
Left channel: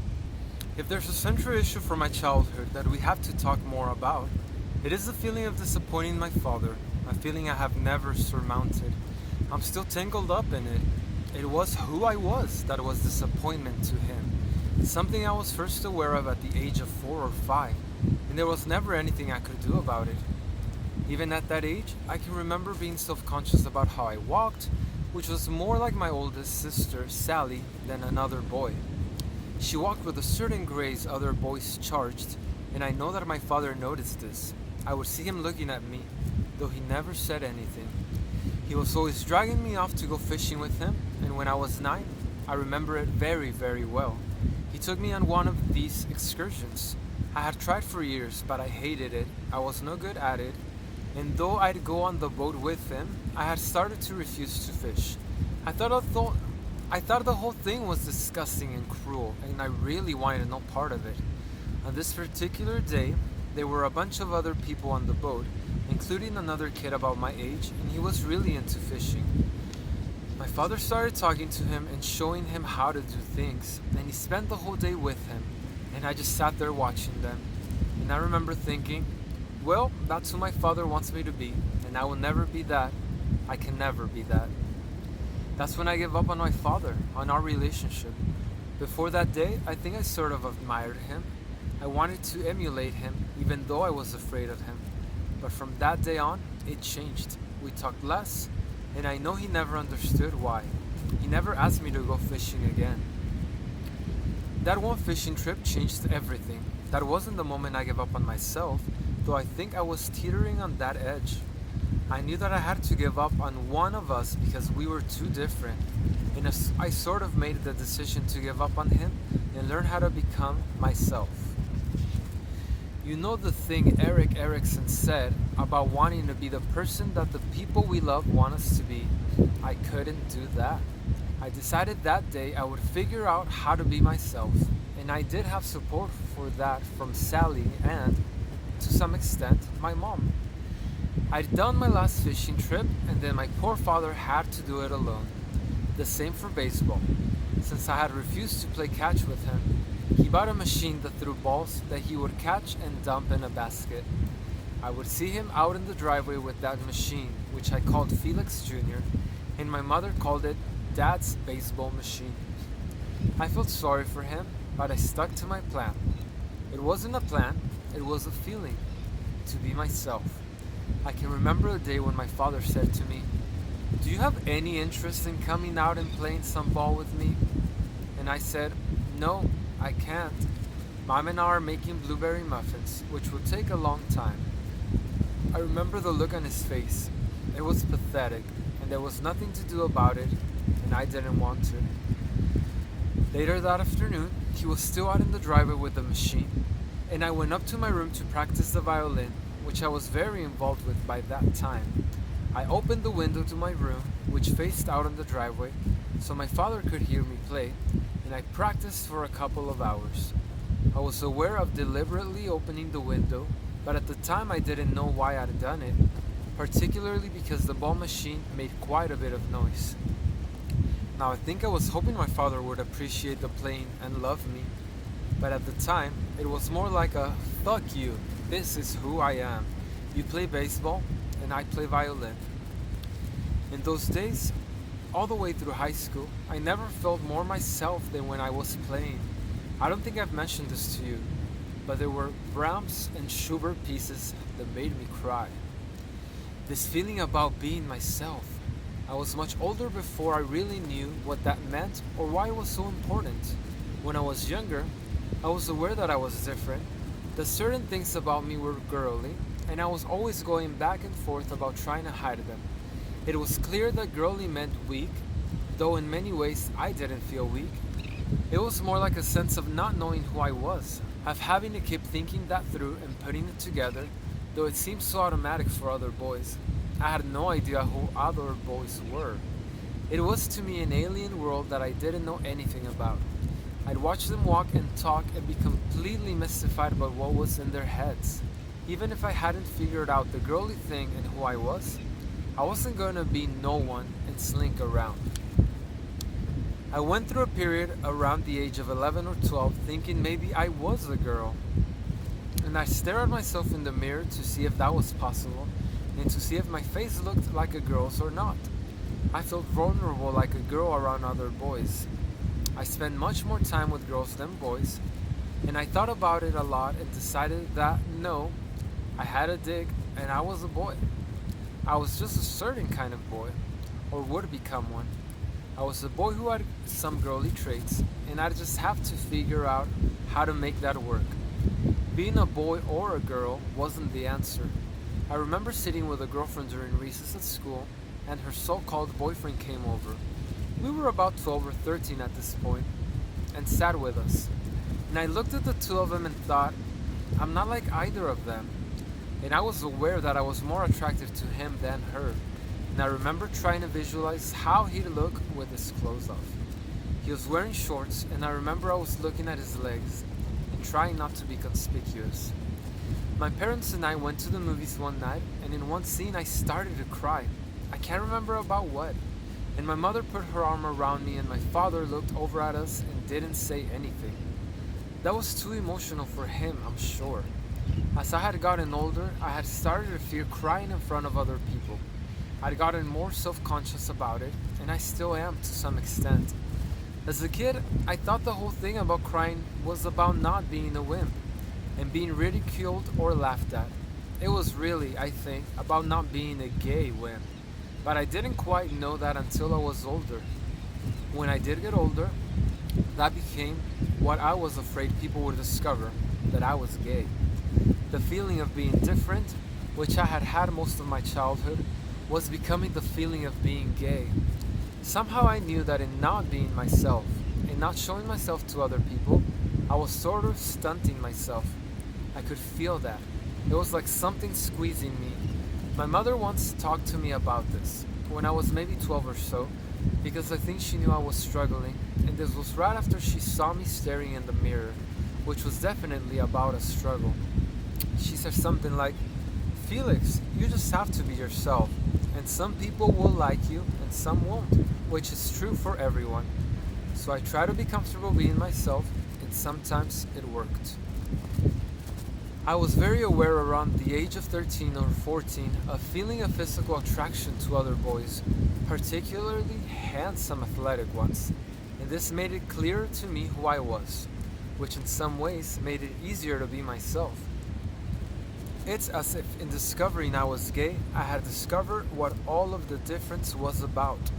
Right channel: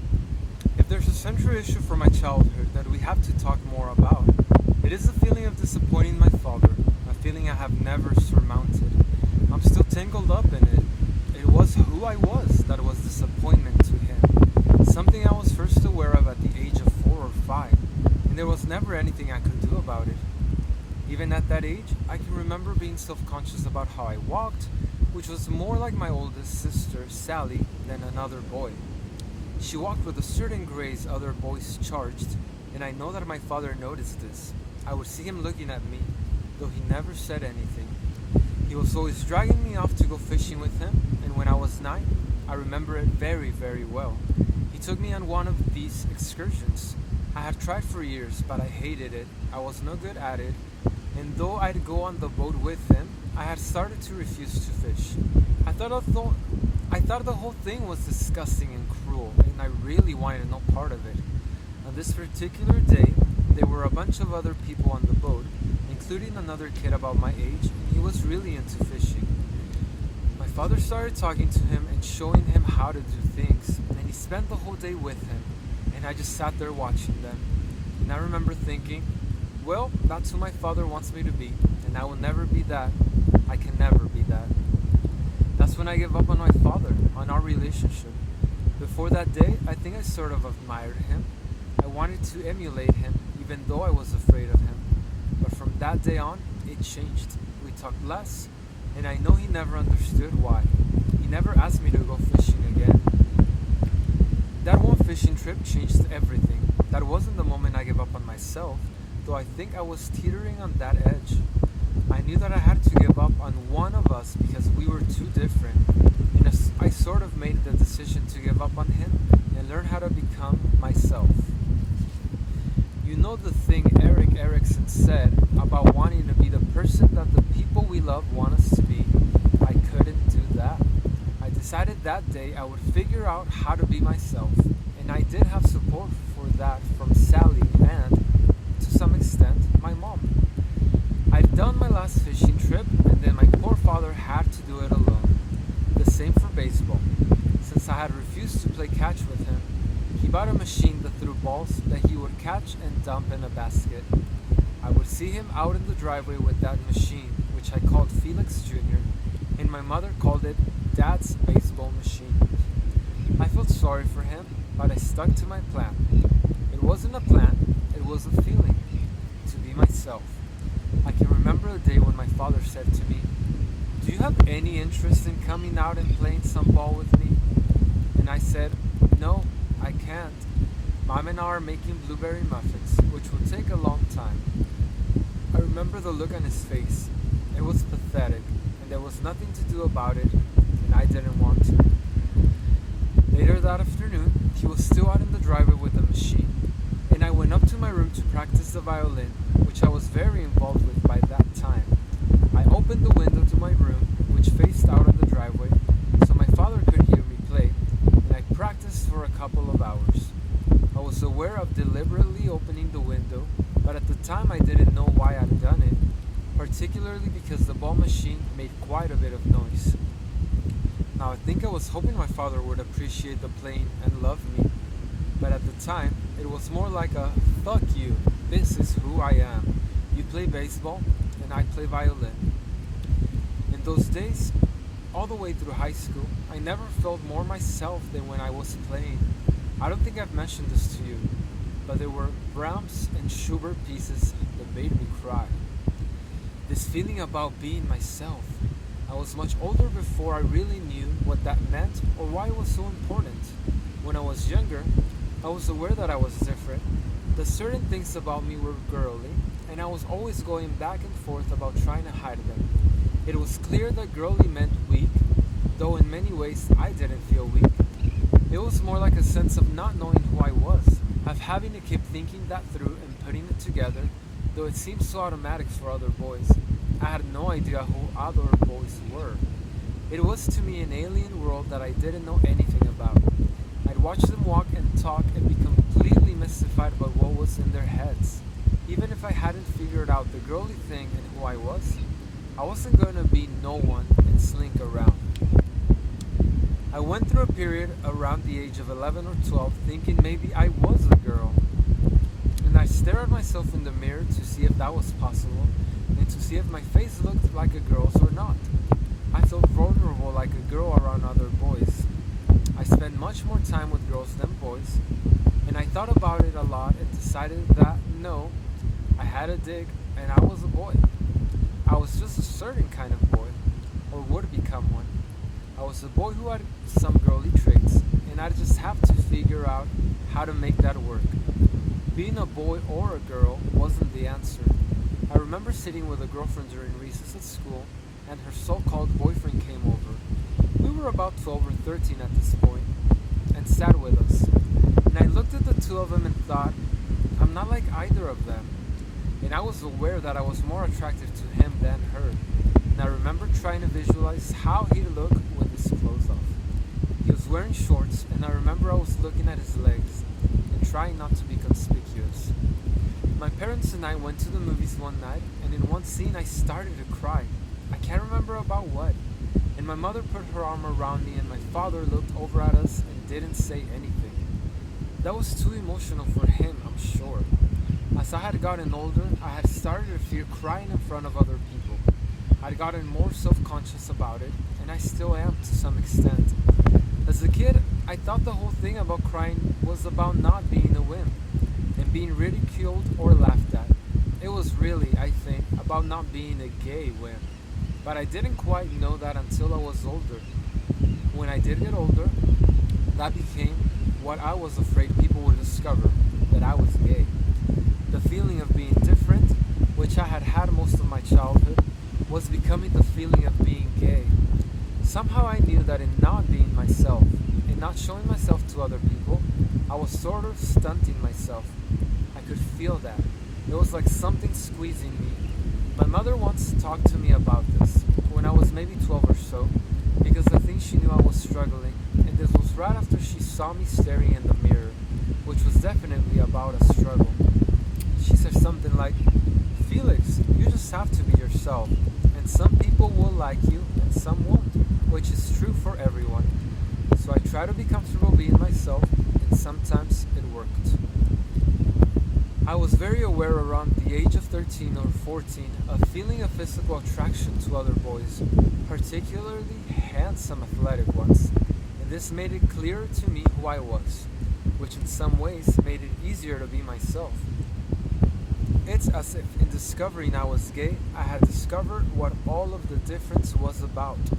If there's a central issue from my childhood that we have to talk more about, it is the feeling of disappointing my father, a feeling I have never surmounted. I'm still tangled up in it. It was who I was that was disappointment to him, something I was first aware of at the age of 4 or 5, and there was never anything I could do about it. Even at that age, I can remember being self-conscious about how I walked, which was more like my oldest sister, Sally, than another boy. She walked with a certain grace other boys charged, and I know that my father noticed this. I would see him looking at me, though he never said anything. He was always dragging me off to go fishing with him, and when I was 9, I remember it very, very well. He took me on one of these excursions. I had tried for years, but I hated it. I was no good at it, and though I'd go on the boat with him, I had started to refuse to fish. I thought the whole thing was disgusting and cruel, and I really wanted no part of it. On this particular day, there were a bunch of other people on the boat, including another kid about my age, and he was really into fishing. My father started talking to him and showing him how to do things, and he spent the whole day with him, and I just sat there watching them. And I remember thinking, well, that's who my father wants me to be, and I will never be that. I can never be that. That's when I gave up on my father, on our relationship. Before that day, I think I sort of admired him. I wanted to emulate him, even though I was afraid of him. But from that day on, it changed. We talked less, and I know he never understood why. He never asked me to go fishing again. That one fishing trip changed everything. That wasn't the moment I gave up on myself, though I think I was teetering on that edge. I knew that I had to give up on one of us because we were too different. And I sort of made the decision to give up on him and learn how to become myself. You know the thing Erik Erikson said about wanting to be the person that the people we love want us to be? I couldn't do that. I decided that day I would figure out how to be myself, and I did have support for that from Sally and, to some extent, my mom. I'd done my last fishing trip, and then my poor father had to do it alone. The same for baseball. Since I had refused to play catch with him, he bought a machine that threw balls that he would catch and dump in a basket. I would see him out in the driveway with that machine, which I called Felix Jr., and my mother called it Dad's baseball machine. I felt sorry for him, but I stuck to my plan. It wasn't a plan, it was a feeling, to be myself. I can remember a day when my father said to me, "Do you have any interest in coming out and playing some ball with me?" And I said, "No, I can't. Mom and I are making blueberry muffins, which will take a long time." I remember the look on his face. It was pathetic, and there was nothing to do about it, and I didn't want to. Later that afternoon, he was still out in the driveway with the machine, and I went up to my room to practice the violin, which I was very involved with by that time. I opened the window to my room, which faced out on the driveway, so my father could hear me play, and I practiced for a couple of hours. I was aware of deliberately opening the window, but at the time I didn't know why I'd done it, particularly because the ball machine made quite a bit of noise. Now I think I was hoping my father would appreciate the playing and love me, but at the time it was more like a "fuck you, this is who I am. You play baseball and I play violin." In those days, all the way through high school, I never felt more myself than when I was playing. I don't think I've mentioned this to you, but there were Brahms and Schubert pieces that made me cry. This feeling about being myself. I was much older before I really knew what that meant or why it was so important. When I was younger, I was aware that I was different, that certain things about me were girly, and I was always going back and forth about trying to hide them. It was clear that girly meant weak, though in many ways I didn't feel weak. It was more like a sense of not knowing who I was, of having to keep thinking that through and putting it together, though it seemed so automatic for other boys. I had no idea who other boys were. It was to me an alien world that I didn't know anything about. I'd watch them walk and talk and be completely mystified about what was in their heads. Even if I hadn't figured out the girly thing and who I wasn't going to be no one and slink around. I went through a period around the age of 11 or 12 thinking maybe I was a girl. And I stared at myself in the mirror to see if that was possible and to see if my face looked like a girl's or not. I felt vulnerable like a girl around other boys. I spent much more time with girls than boys, and I thought about it a lot and decided that no, I had a dig and I was a boy. I was just a certain kind of boy, or would become one. I was a boy who had some girly traits, and I'd just have to figure out how to make that work. Being a boy or a girl wasn't the answer. I remember sitting with a girlfriend during recess at school, and her so-called boyfriend came over. We were about 12 or 13 at this point, and sat with us. And I looked at the two of them and thought, I'm not like either of them. And I was aware that I was more attracted to him than her. And I remember trying to visualize how he'd look with his clothes off. He was wearing shorts, and I remember I was looking at his legs and trying not to be conspicuous. My parents and I went to the movies one night, and in one scene I started to cry. I can't remember about what. And my mother put her arm around me, and my father looked over at us and didn't say anything. That was too emotional for him, I'm sure. As I had gotten older, I had started to fear crying in front of other people. I'd gotten more self-conscious about it, and I still am to some extent. As a kid, I thought the whole thing about crying was about not being a wimp and being ridiculed or laughed at. It was really, I think, about not being a gay wimp. But I didn't quite know that until I was older. When I did get older, that became what I was afraid people would discover, that I was gay. The feeling of being different, which I had had most of my childhood, was becoming the feeling of being gay. Somehow I knew that in not being myself, in not showing myself to other people, I was sort of stunting myself. I could feel that. It was like something squeezing me. My mother once talked to me about this, when I was maybe 12 or so, because I think she knew I was struggling, and this was right after she saw me staring in the mirror, which was definitely about a struggle. She said something like, "Felix, you just have to be yourself, and some people will like you and some won't," which is true for everyone. So I try to be comfortable being myself, and sometimes it worked. I was very aware around the age of 13 or 14 of feeling a physical attraction to other boys, particularly handsome athletic ones, and this made it clearer to me who I was, which in some ways made it easier to be myself. It's as if in discovering I was gay, I had discovered what all of the difference was about,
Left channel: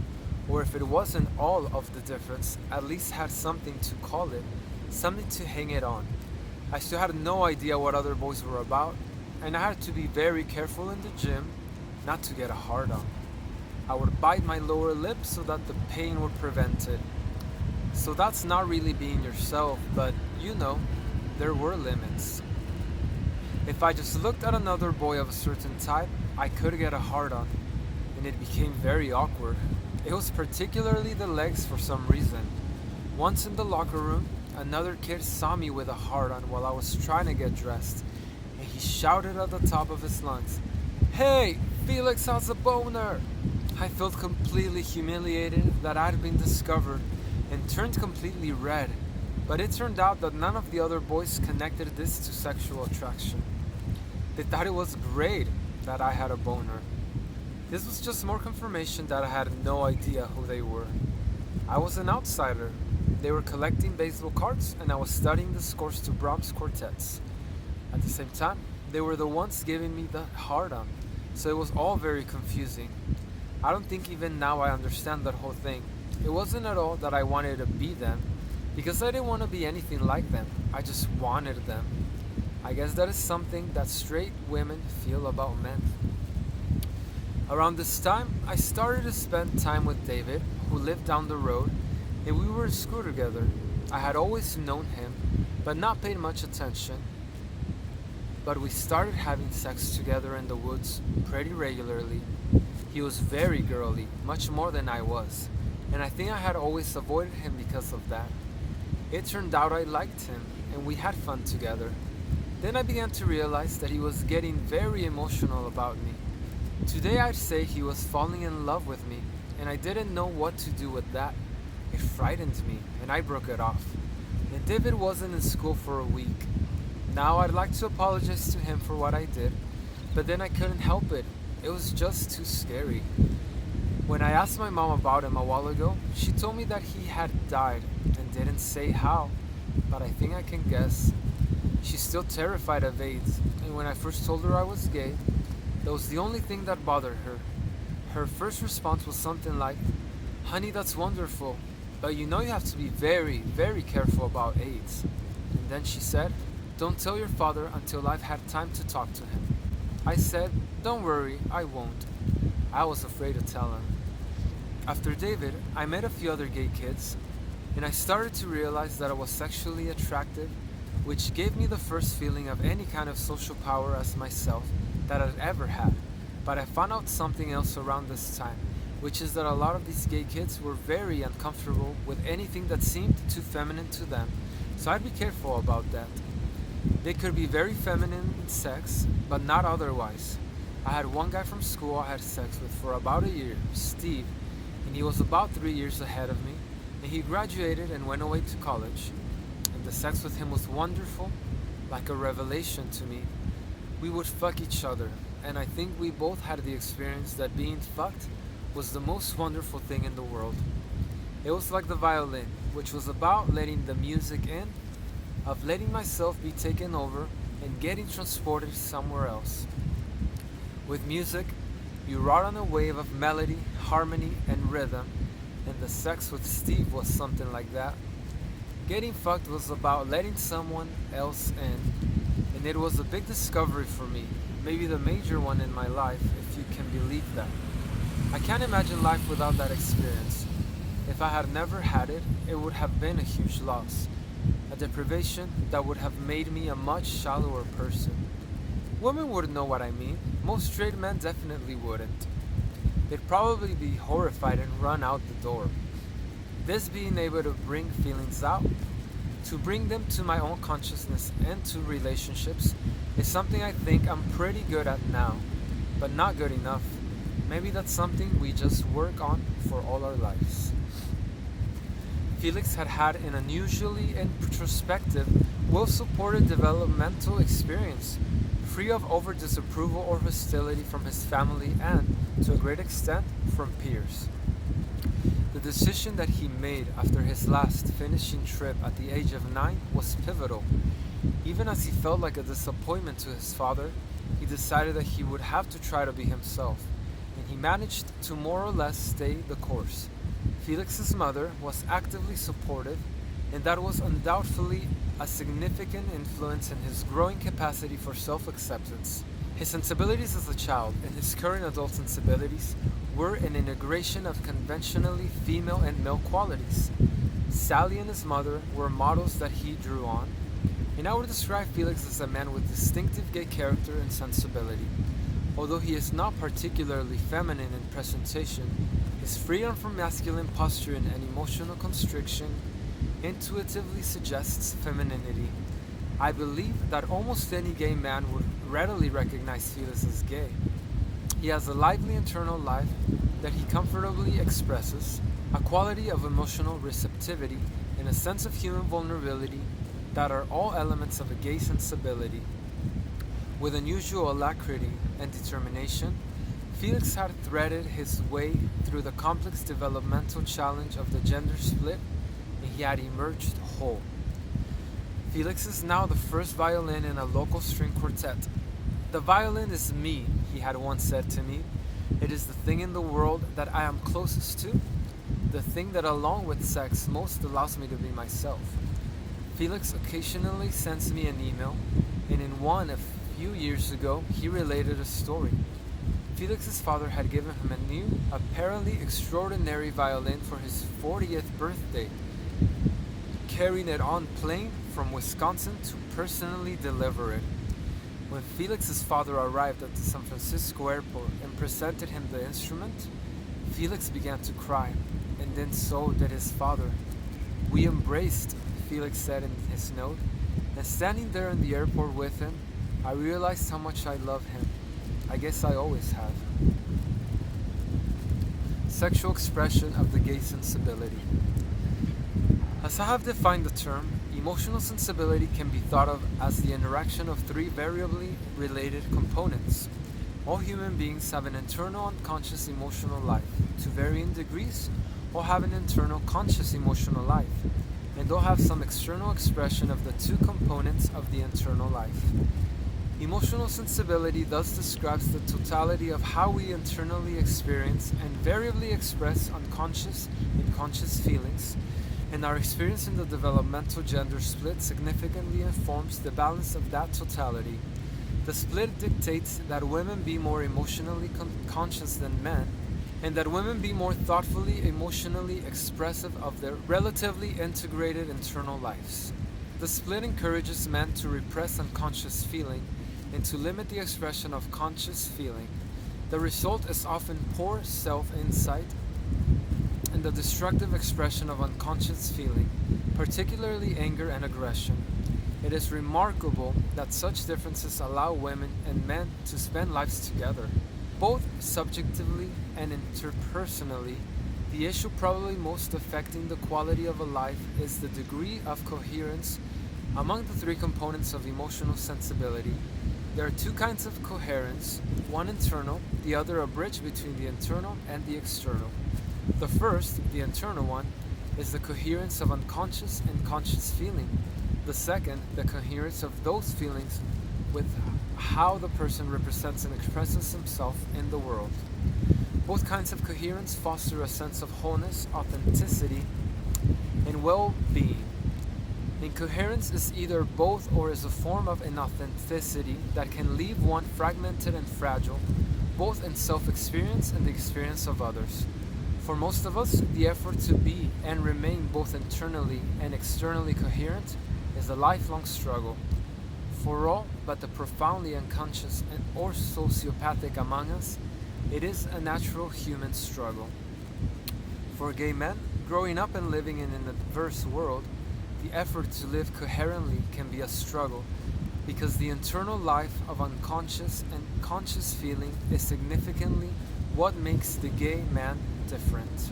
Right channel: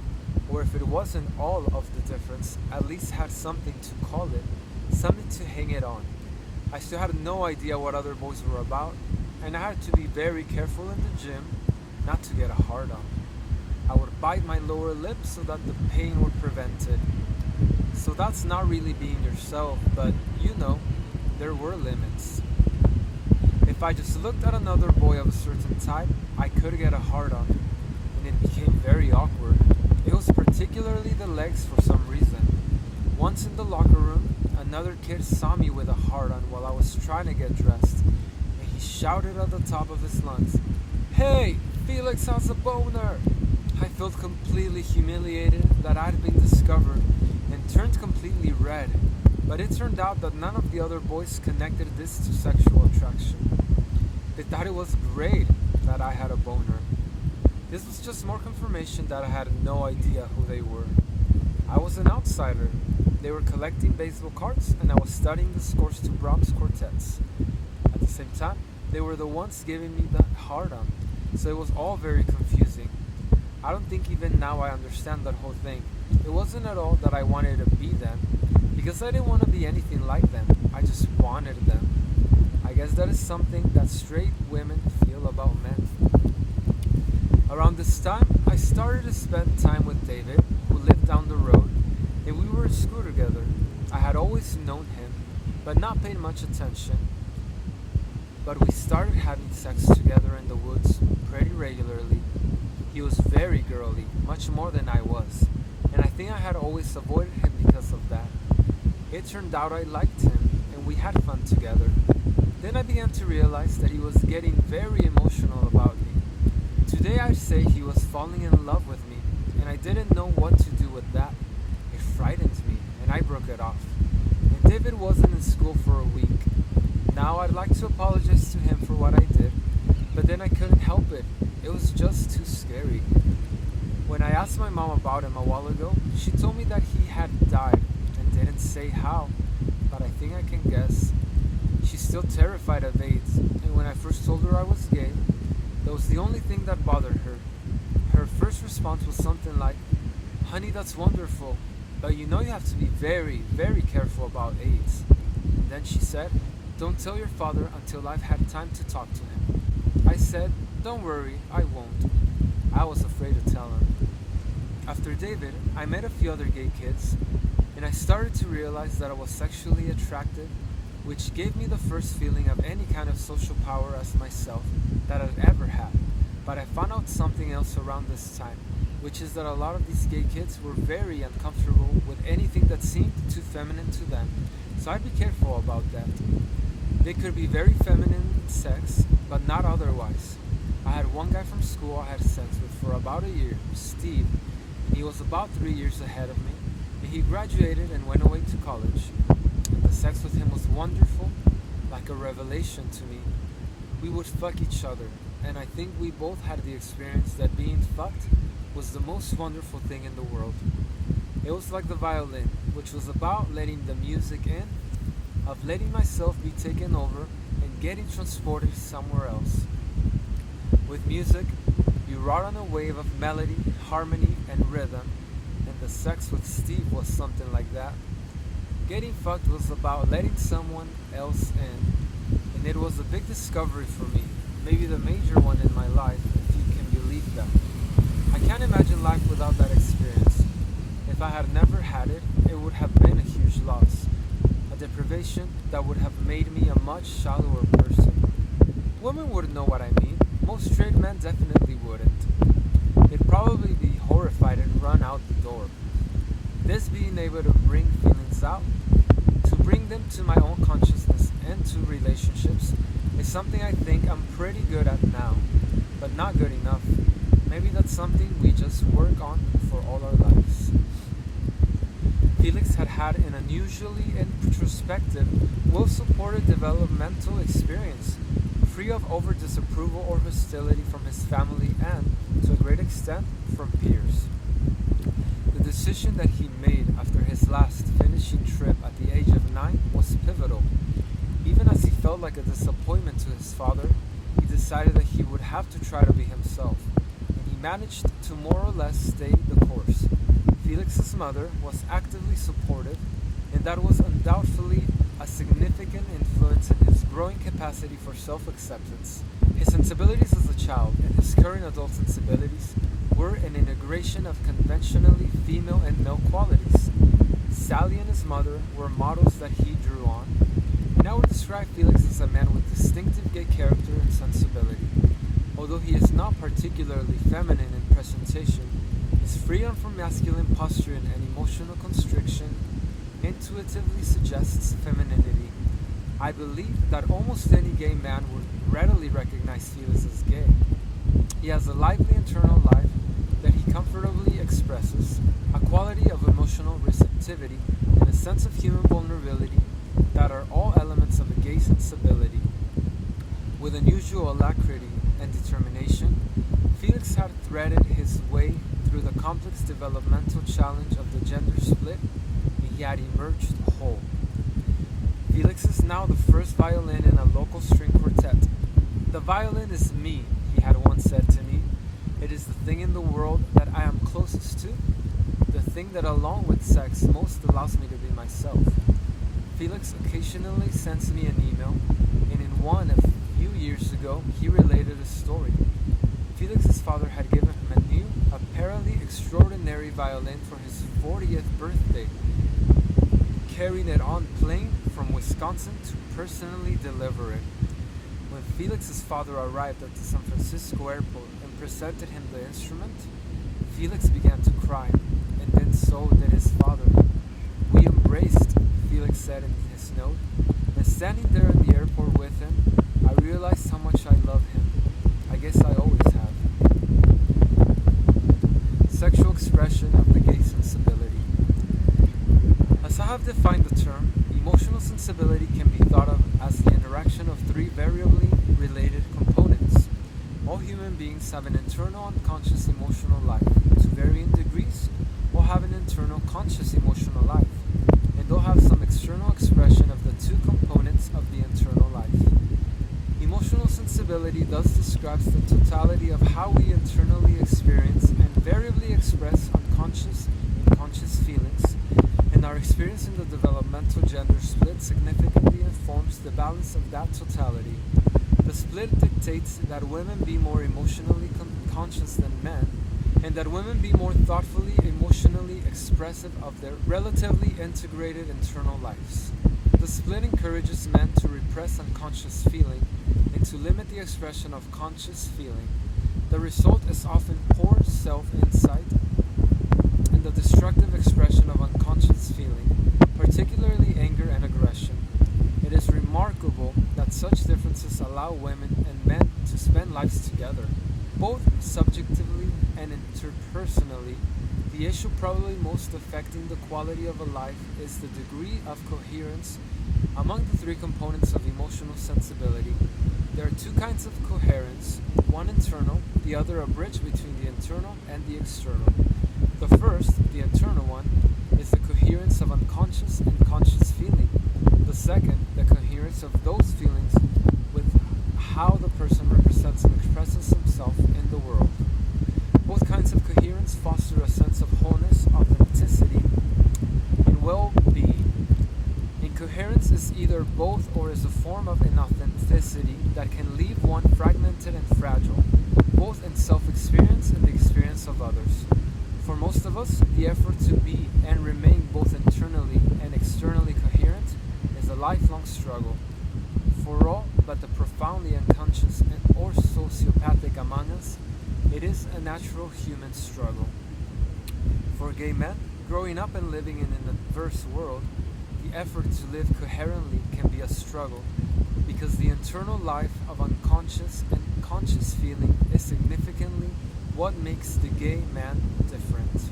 or if it wasn't all of the difference, at least had something to call it, something to hang it on. I still had no idea what other boys were about, and I had to be very careful in the gym not to get a hard on. I would bite my lower lip so that the pain would prevent it. So that's not really being yourself, but you know, there were limits. If I just looked at another boy of a certain type, I could get a hard on, and it became very awkward. It was particularly the legs for some reason. Once in the locker room, another kid saw me with a hard on while I was trying to get dressed, and he shouted at the top of his lungs, "Hey, Felix has a boner!" I felt completely humiliated that I'd been discovered and turned completely red, but it turned out that none of the other boys connected this to sexual attraction. They thought it was great that I had a boner. This was just more confirmation that I had no idea who they were. I was an outsider. They were collecting baseball cards, and I was studying the scores to Brahms quartets. At the same time, they were the ones giving me the hard-on, so it was all very confusing. I don't think even now I understand that whole thing. It wasn't at all that I wanted to be them, because I didn't want to be anything like them. I just wanted them. I guess that is something that straight women feel about men. Around this time, I started to spend time with David, who lived down the road, and we were in school together. I had always known him, but not paid much attention. But we started having sex together in the woods pretty regularly. He was very girly, much more than I was, and I think I had always avoided him because of that. It turned out I liked him, and we had fun together. Then I began to realize that he was getting very emotional about me. Today I'd say he was falling in love with me, and I didn't know what to do with that. It frightened me, and I broke it off. And David wasn't in school for a week. Now I'd like to apologize to him for what I did, but then I couldn't help it. It was just too scary. When I asked my mom about him a while ago, she told me that he had died and didn't say how, but I think I can guess. She's still terrified of AIDS, and when I first told her I was gay, that was the only thing that bothered her. Her first response was something like, "Honey, that's wonderful, but you know you have to be very, very careful about AIDS." And then she said, "Don't tell your father until I've had time to talk to him." I said, "Don't worry, I won't." I was afraid to tell him. After David, I met a few other gay kids, and I started to realize that I was sexually attractive, which gave me the first feeling of any kind of social power as myself that I'd ever had. But I found out something else around this time, which is that a lot of these gay kids were very uncomfortable with anything that seemed too feminine to them, so I'd be careful about that. They could be very feminine in sex, but not otherwise. I had one guy from school I had sex with for about a year, Steve, and he was about 3 years ahead of me, and he graduated and went away to college. And the sex with him was wonderful, like a revelation to me. We would fuck each other, and I think we both had the experience that being fucked was the most wonderful thing in the world. It was like the violin. which was about letting the music in, of letting myself be taken over and getting transported somewhere else. With music, you ride on a wave of melody, harmony, and rhythm, and the sex with Steve was something like that. Getting fucked was about letting someone else in, and it was a big discovery for me, maybe the major one in my life, if you can believe that. I can't imagine life without that experience. If I had never had it, it would have been a huge loss, a deprivation that would have made me a much shallower person. Women wouldn't know what I mean. Most straight men definitely wouldn't. They'd probably be horrified and run out the door. This being able to bring feelings out, to bring them to my own consciousness and to relationships, is something I think I'm pretty good at now, but not good enough. Maybe that's something we just work on for all our lives. Felix had had an unusually introspective, well-supported developmental experience, free of overt disapproval or hostility from his family and, to a great extent, from peers. The decision that he made after his last finishing trip at the age of 9 was pivotal. Even as he felt like a disappointment to his father, he decided that he would have to try to be himself, and he managed to more or less stay the course. Felix's mother was actively supportive, and that was undoubtedly a significant influence in his growing capacity for self-acceptance. His sensibilities as a child and his current adult sensibilities were an integration of conventionally female and male qualities. Sally and his mother were models that he drew on, and I would describe Felix as a man with distinctive gay character and sensibility. Although he is not particularly feminine in presentation, his freedom from masculine posturing and emotional constriction intuitively suggests femininity. I believe that almost any gay man would readily recognize Felix as gay. He has a lively internal life that he comfortably expresses, a quality of emotional receptivity, and a sense of human vulnerability that are all elements of a gay sensibility. With unusual alacrity and determination, Felix had threaded his way through the complex developmental challenge of the gender split, and he had emerged whole. Felix is now the first violin in a local string quartet. "The violin is me," he had once said to me. "It is the thing in the world that I am closest to, the thing that along with sex most allows me to be myself." Felix occasionally sends me an email, and in one a few years ago he related a story. Felix's father had given him a new, apparently extraordinary violin for his 40th birthday, carrying it on plane from Wisconsin to personally deliver it. When Felix's father arrived at the San Francisco airport and presented him the instrument, Felix began to cry, and then so did his father. "We embraced," Felix said in his note, "and standing there in the airport with him, I realized how much I love him. I guess I always have." Sexual expression of the gay sensibility. As I have defined the term, emotional sensibility can be thought of as the interaction of three variably related components. All human beings have an internal unconscious emotional life, to varying degrees, or have an internal conscious emotional life, and they'll have some external expression of the two components of the internal life. Emotional sensibility thus describes the totality of how we internally experience and variably express unconscious and conscious feelings, and our experience in the developmental gender split significantly informs the balance of that totality. The split dictates that women be more emotionally conscious than men, and that women be more thoughtfully, emotionally expressive of their relatively integrated internal lives. The split encourages men to repress unconscious feeling and to limit the expression of conscious feeling. The result is often poor self-insight and the destructive expression of unconscious feeling, particularly anger and aggression. It is remarkable that such differences allow women and men to spend lives together. Both subjectively and interpersonally, the issue probably most affecting the quality of a life is the degree of coherence among the three components of emotional sensibility. There are two kinds of coherence, one internal, the other a bridge between the internal and the external. The first, the internal one, is the coherence of unconscious and conscious feeling. The second, the coherence of those feelings with how the person represents and expresses himself in the world. Both kinds of coherence foster a sense of wholeness, authenticity, and well-being. Incoherence is either both or is a form of inauthenticity that can leave one fragmented and fragile, both in self-experience and the experience of others. For most of us, the effort to be and remain both internally and externally coherent is a lifelong struggle. For all but the profoundly unconscious or sociopathic among us, it is a natural human struggle. For gay men, growing up and living in an adverse world, the effort to live coherently can be a struggle because the internal life of unconscious and conscious feeling is significantly what makes the gay man different.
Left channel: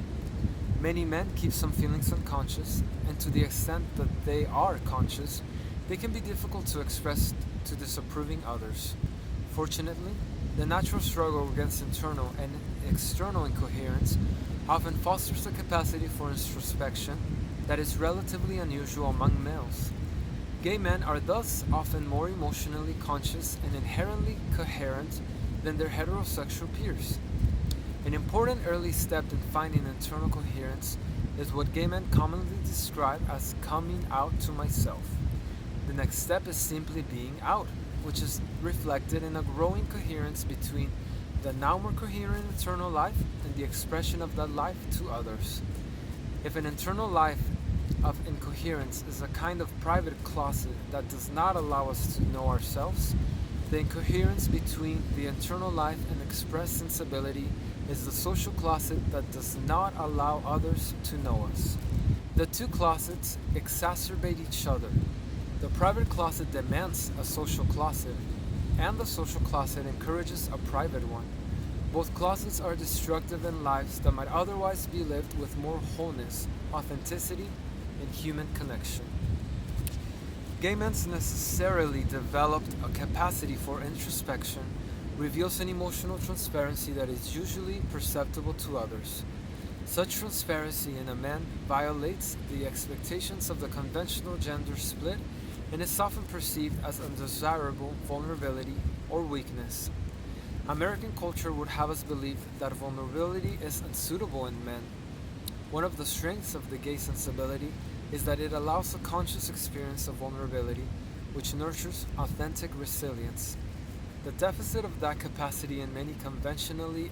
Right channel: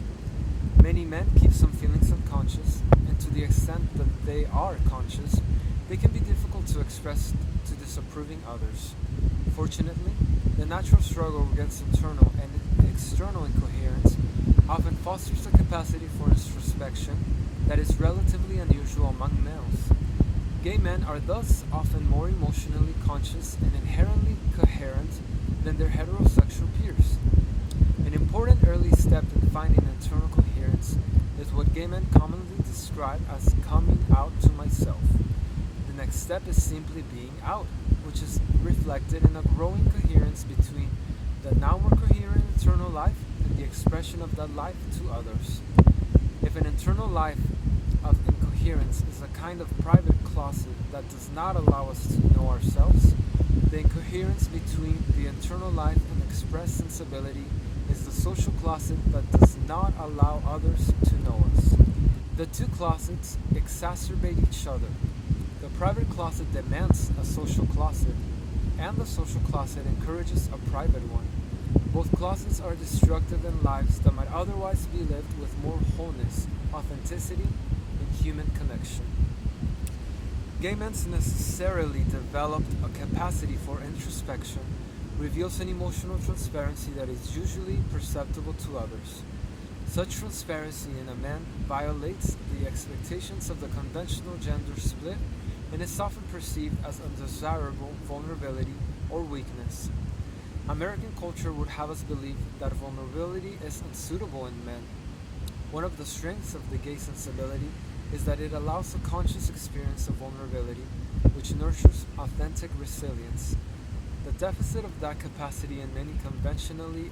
Many men keep some feelings unconscious, and to the extent that they are conscious, they can be difficult to express to disapproving others. Fortunately, the natural struggle against internal and external incoherence often fosters a capacity for introspection that is relatively unusual among males. Gay men are thus often more emotionally conscious and inherently coherent than their heterosexual peers. An important early step in finding internal coherence is what gay men commonly describe as coming out to myself. The next step is simply being out, which is reflected in a growing coherence between the now more coherent internal life and the expression of that life to others. If an internal life of incoherence is a kind of private closet that does not allow us to know ourselves, the incoherence between the internal life and expressed sensibility is the social closet that does not allow others to know us. The two closets exacerbate each other. The private closet demands a social closet, and the social closet encourages a private one. Both closets are destructive in lives that might otherwise be lived with more wholeness, authenticity, and human connection. Gay men necessarily developed a capacity for introspection, reveals an emotional transparency that is usually perceptible to others. Such transparency in a man violates the expectations of the conventional gender split and is often perceived as undesirable vulnerability or weakness. American culture would have us believe that vulnerability is unsuitable in men. One of the strengths of the gay sensibility is that it allows a conscious experience of vulnerability, which nurtures authentic resilience. The deficit of that capacity in many conventionally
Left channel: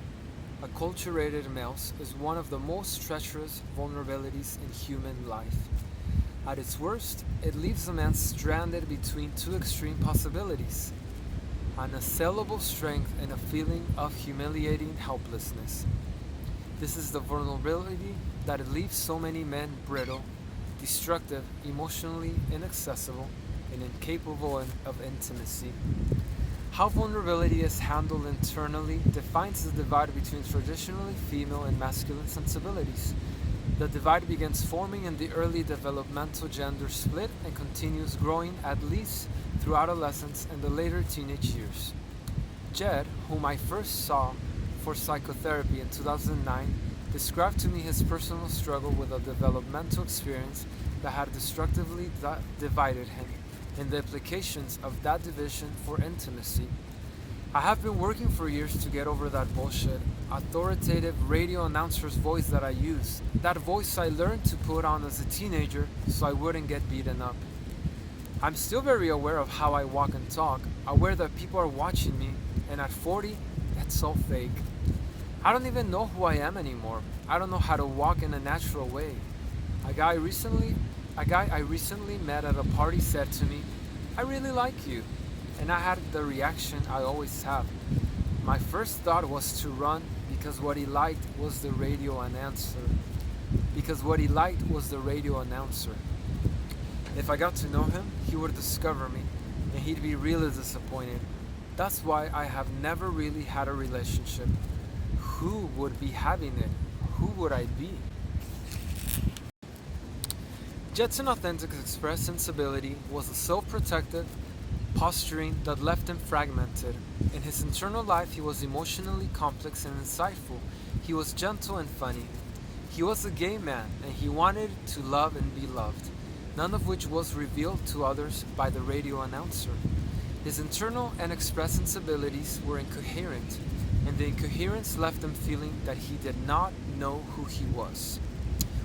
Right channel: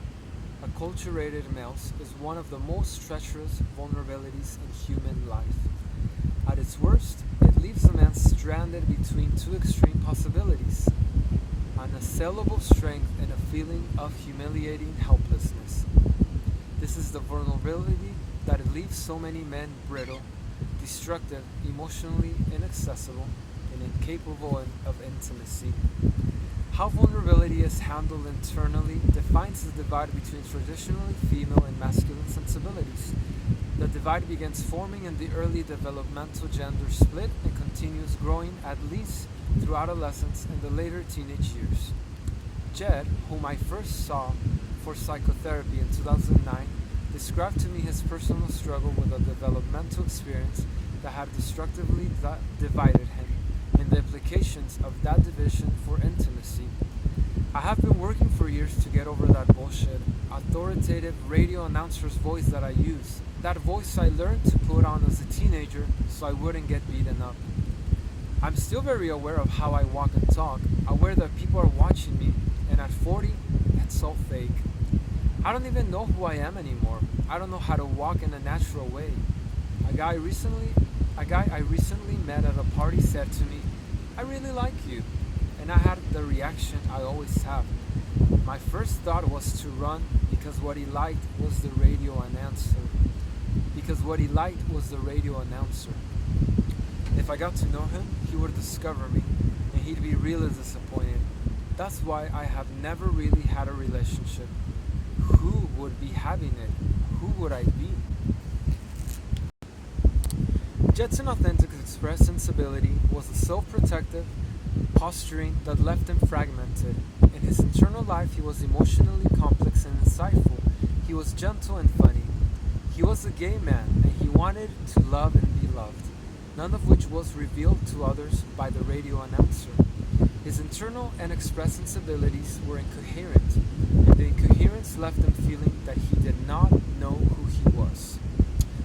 acculturated males is one of the most treacherous vulnerabilities in human life. At its worst, it leaves a man stranded between two extreme possibilities: an unassailable strength and a feeling of humiliating helplessness. This is the vulnerability that leaves so many men brittle, destructive, emotionally inaccessible, and incapable of intimacy. How vulnerability is handled internally defines the divide between traditionally female and masculine sensibilities. The divide begins forming in the early developmental gender split and continues growing at least through adolescence and the later teenage years. Jed, whom I first saw for psychotherapy in 2009, described to me his personal struggle with a developmental experience that had destructively divided him, and the implications of that division for intimacy. I have been working for years to get over that bullshit, authoritative radio announcer's voice that I use, that voice I learned to put on as a teenager so I wouldn't get beaten up. I'm still very aware of how I walk and talk, aware that people are watching me, and at 40, that's all fake. I don't even know who I am anymore. I don't know how to walk in a natural way. A guy I recently met at a party said to me, "I really like you." And I had the reaction I always have. My first thought was to run because what he liked was the radio announcer. If I got to know him, he would discover me, and he'd be really disappointed. That's why I have never really had a relationship. Who would be having it? Who would I be? Jet's authentic expressed sensibility was a self-protective posturing that left him fragmented. In his internal life, he was emotionally complex and insightful. He was gentle and funny. He was a gay man, and he He wanted to love and be loved, none of which was revealed to others by the radio announcer. His internal and expressed sensibilities were incoherent, and the incoherence left him feeling that he did not know who he was,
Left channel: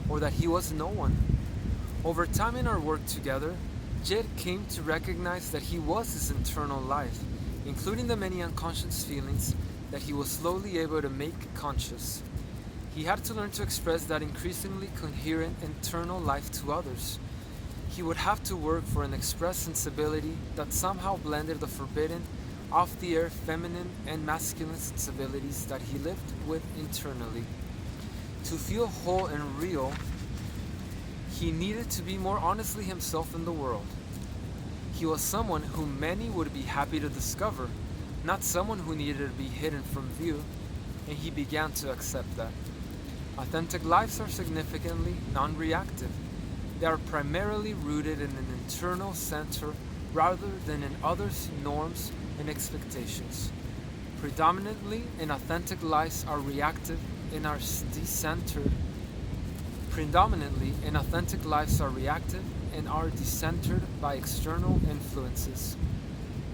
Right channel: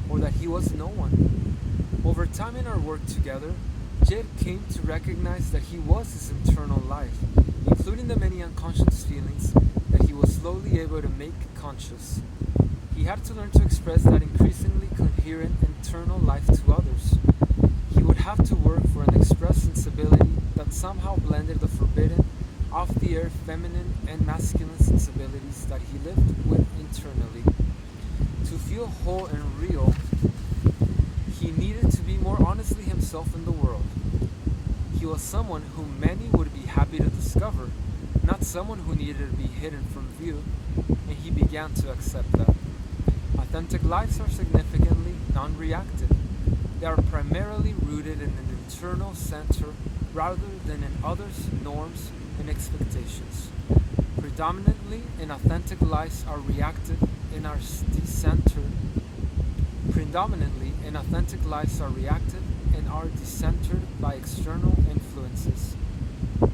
or that he was no one. Over time in our work together, Jed came to recognize that he was his internal life, including the many unconscious feelings that he was slowly able to make conscious. He had to learn to express that increasingly coherent internal life to others. He would have to work for an expressed sensibility that somehow blended the forbidden, off-the-air feminine and masculine sensibilities that he lived with internally. To feel whole and real, he needed to be more honestly himself in the world. He was someone whom many would be happy to discover, not someone who needed to be hidden from view, and he began to accept that. Authentic lives are significantly non-reactive. They are primarily rooted in an internal center rather than in others' norms and expectations. Predominantly, inauthentic lives are reactive and are decentered. Predominantly, inauthentic lives are reactive and are decentered by external influences.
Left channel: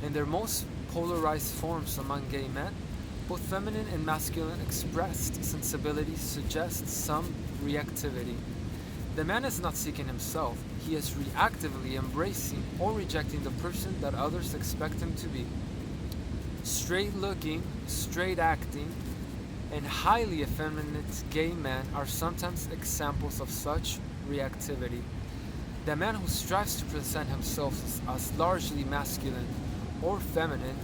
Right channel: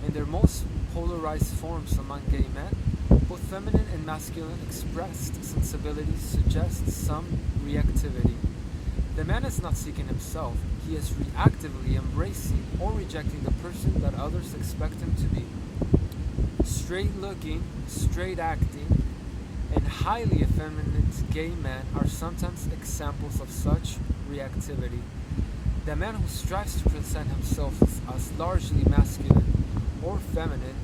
In their most polarized forms among gay men, both feminine and masculine expressed sensibilities suggest some reactivity. The man is not seeking himself, he is reactively embracing or rejecting the person that others expect him to be. Straight looking, straight acting, and highly effeminate gay men are sometimes examples of such reactivity. The man who strives to present himself as largely masculine or feminine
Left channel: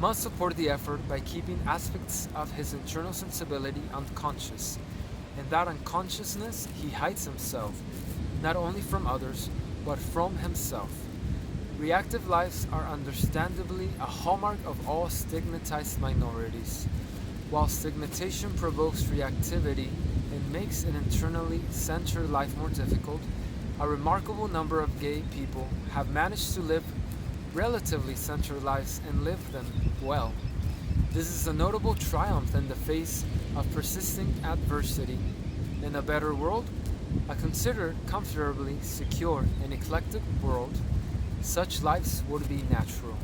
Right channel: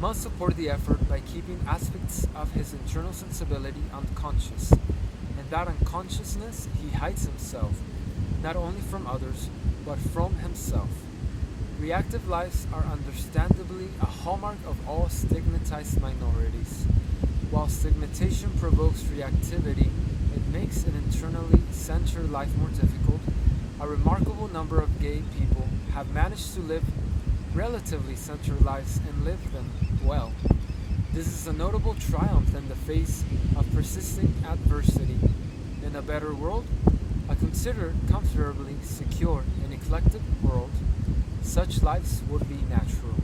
must support the effort by keeping aspects of his internal sensibility unconscious. In that unconsciousness, he hides himself, not only from others, but from himself. Reactive lives are understandably a hallmark of all stigmatized minorities. While stigmatization provokes reactivity and makes an internally centered life more difficult, a remarkable number of gay people have managed to live relatively centered lives and live them well. This is a notable triumph in the face of persisting adversity. In a better world, a considered comfortably secure and eclectic world, such lives would be natural.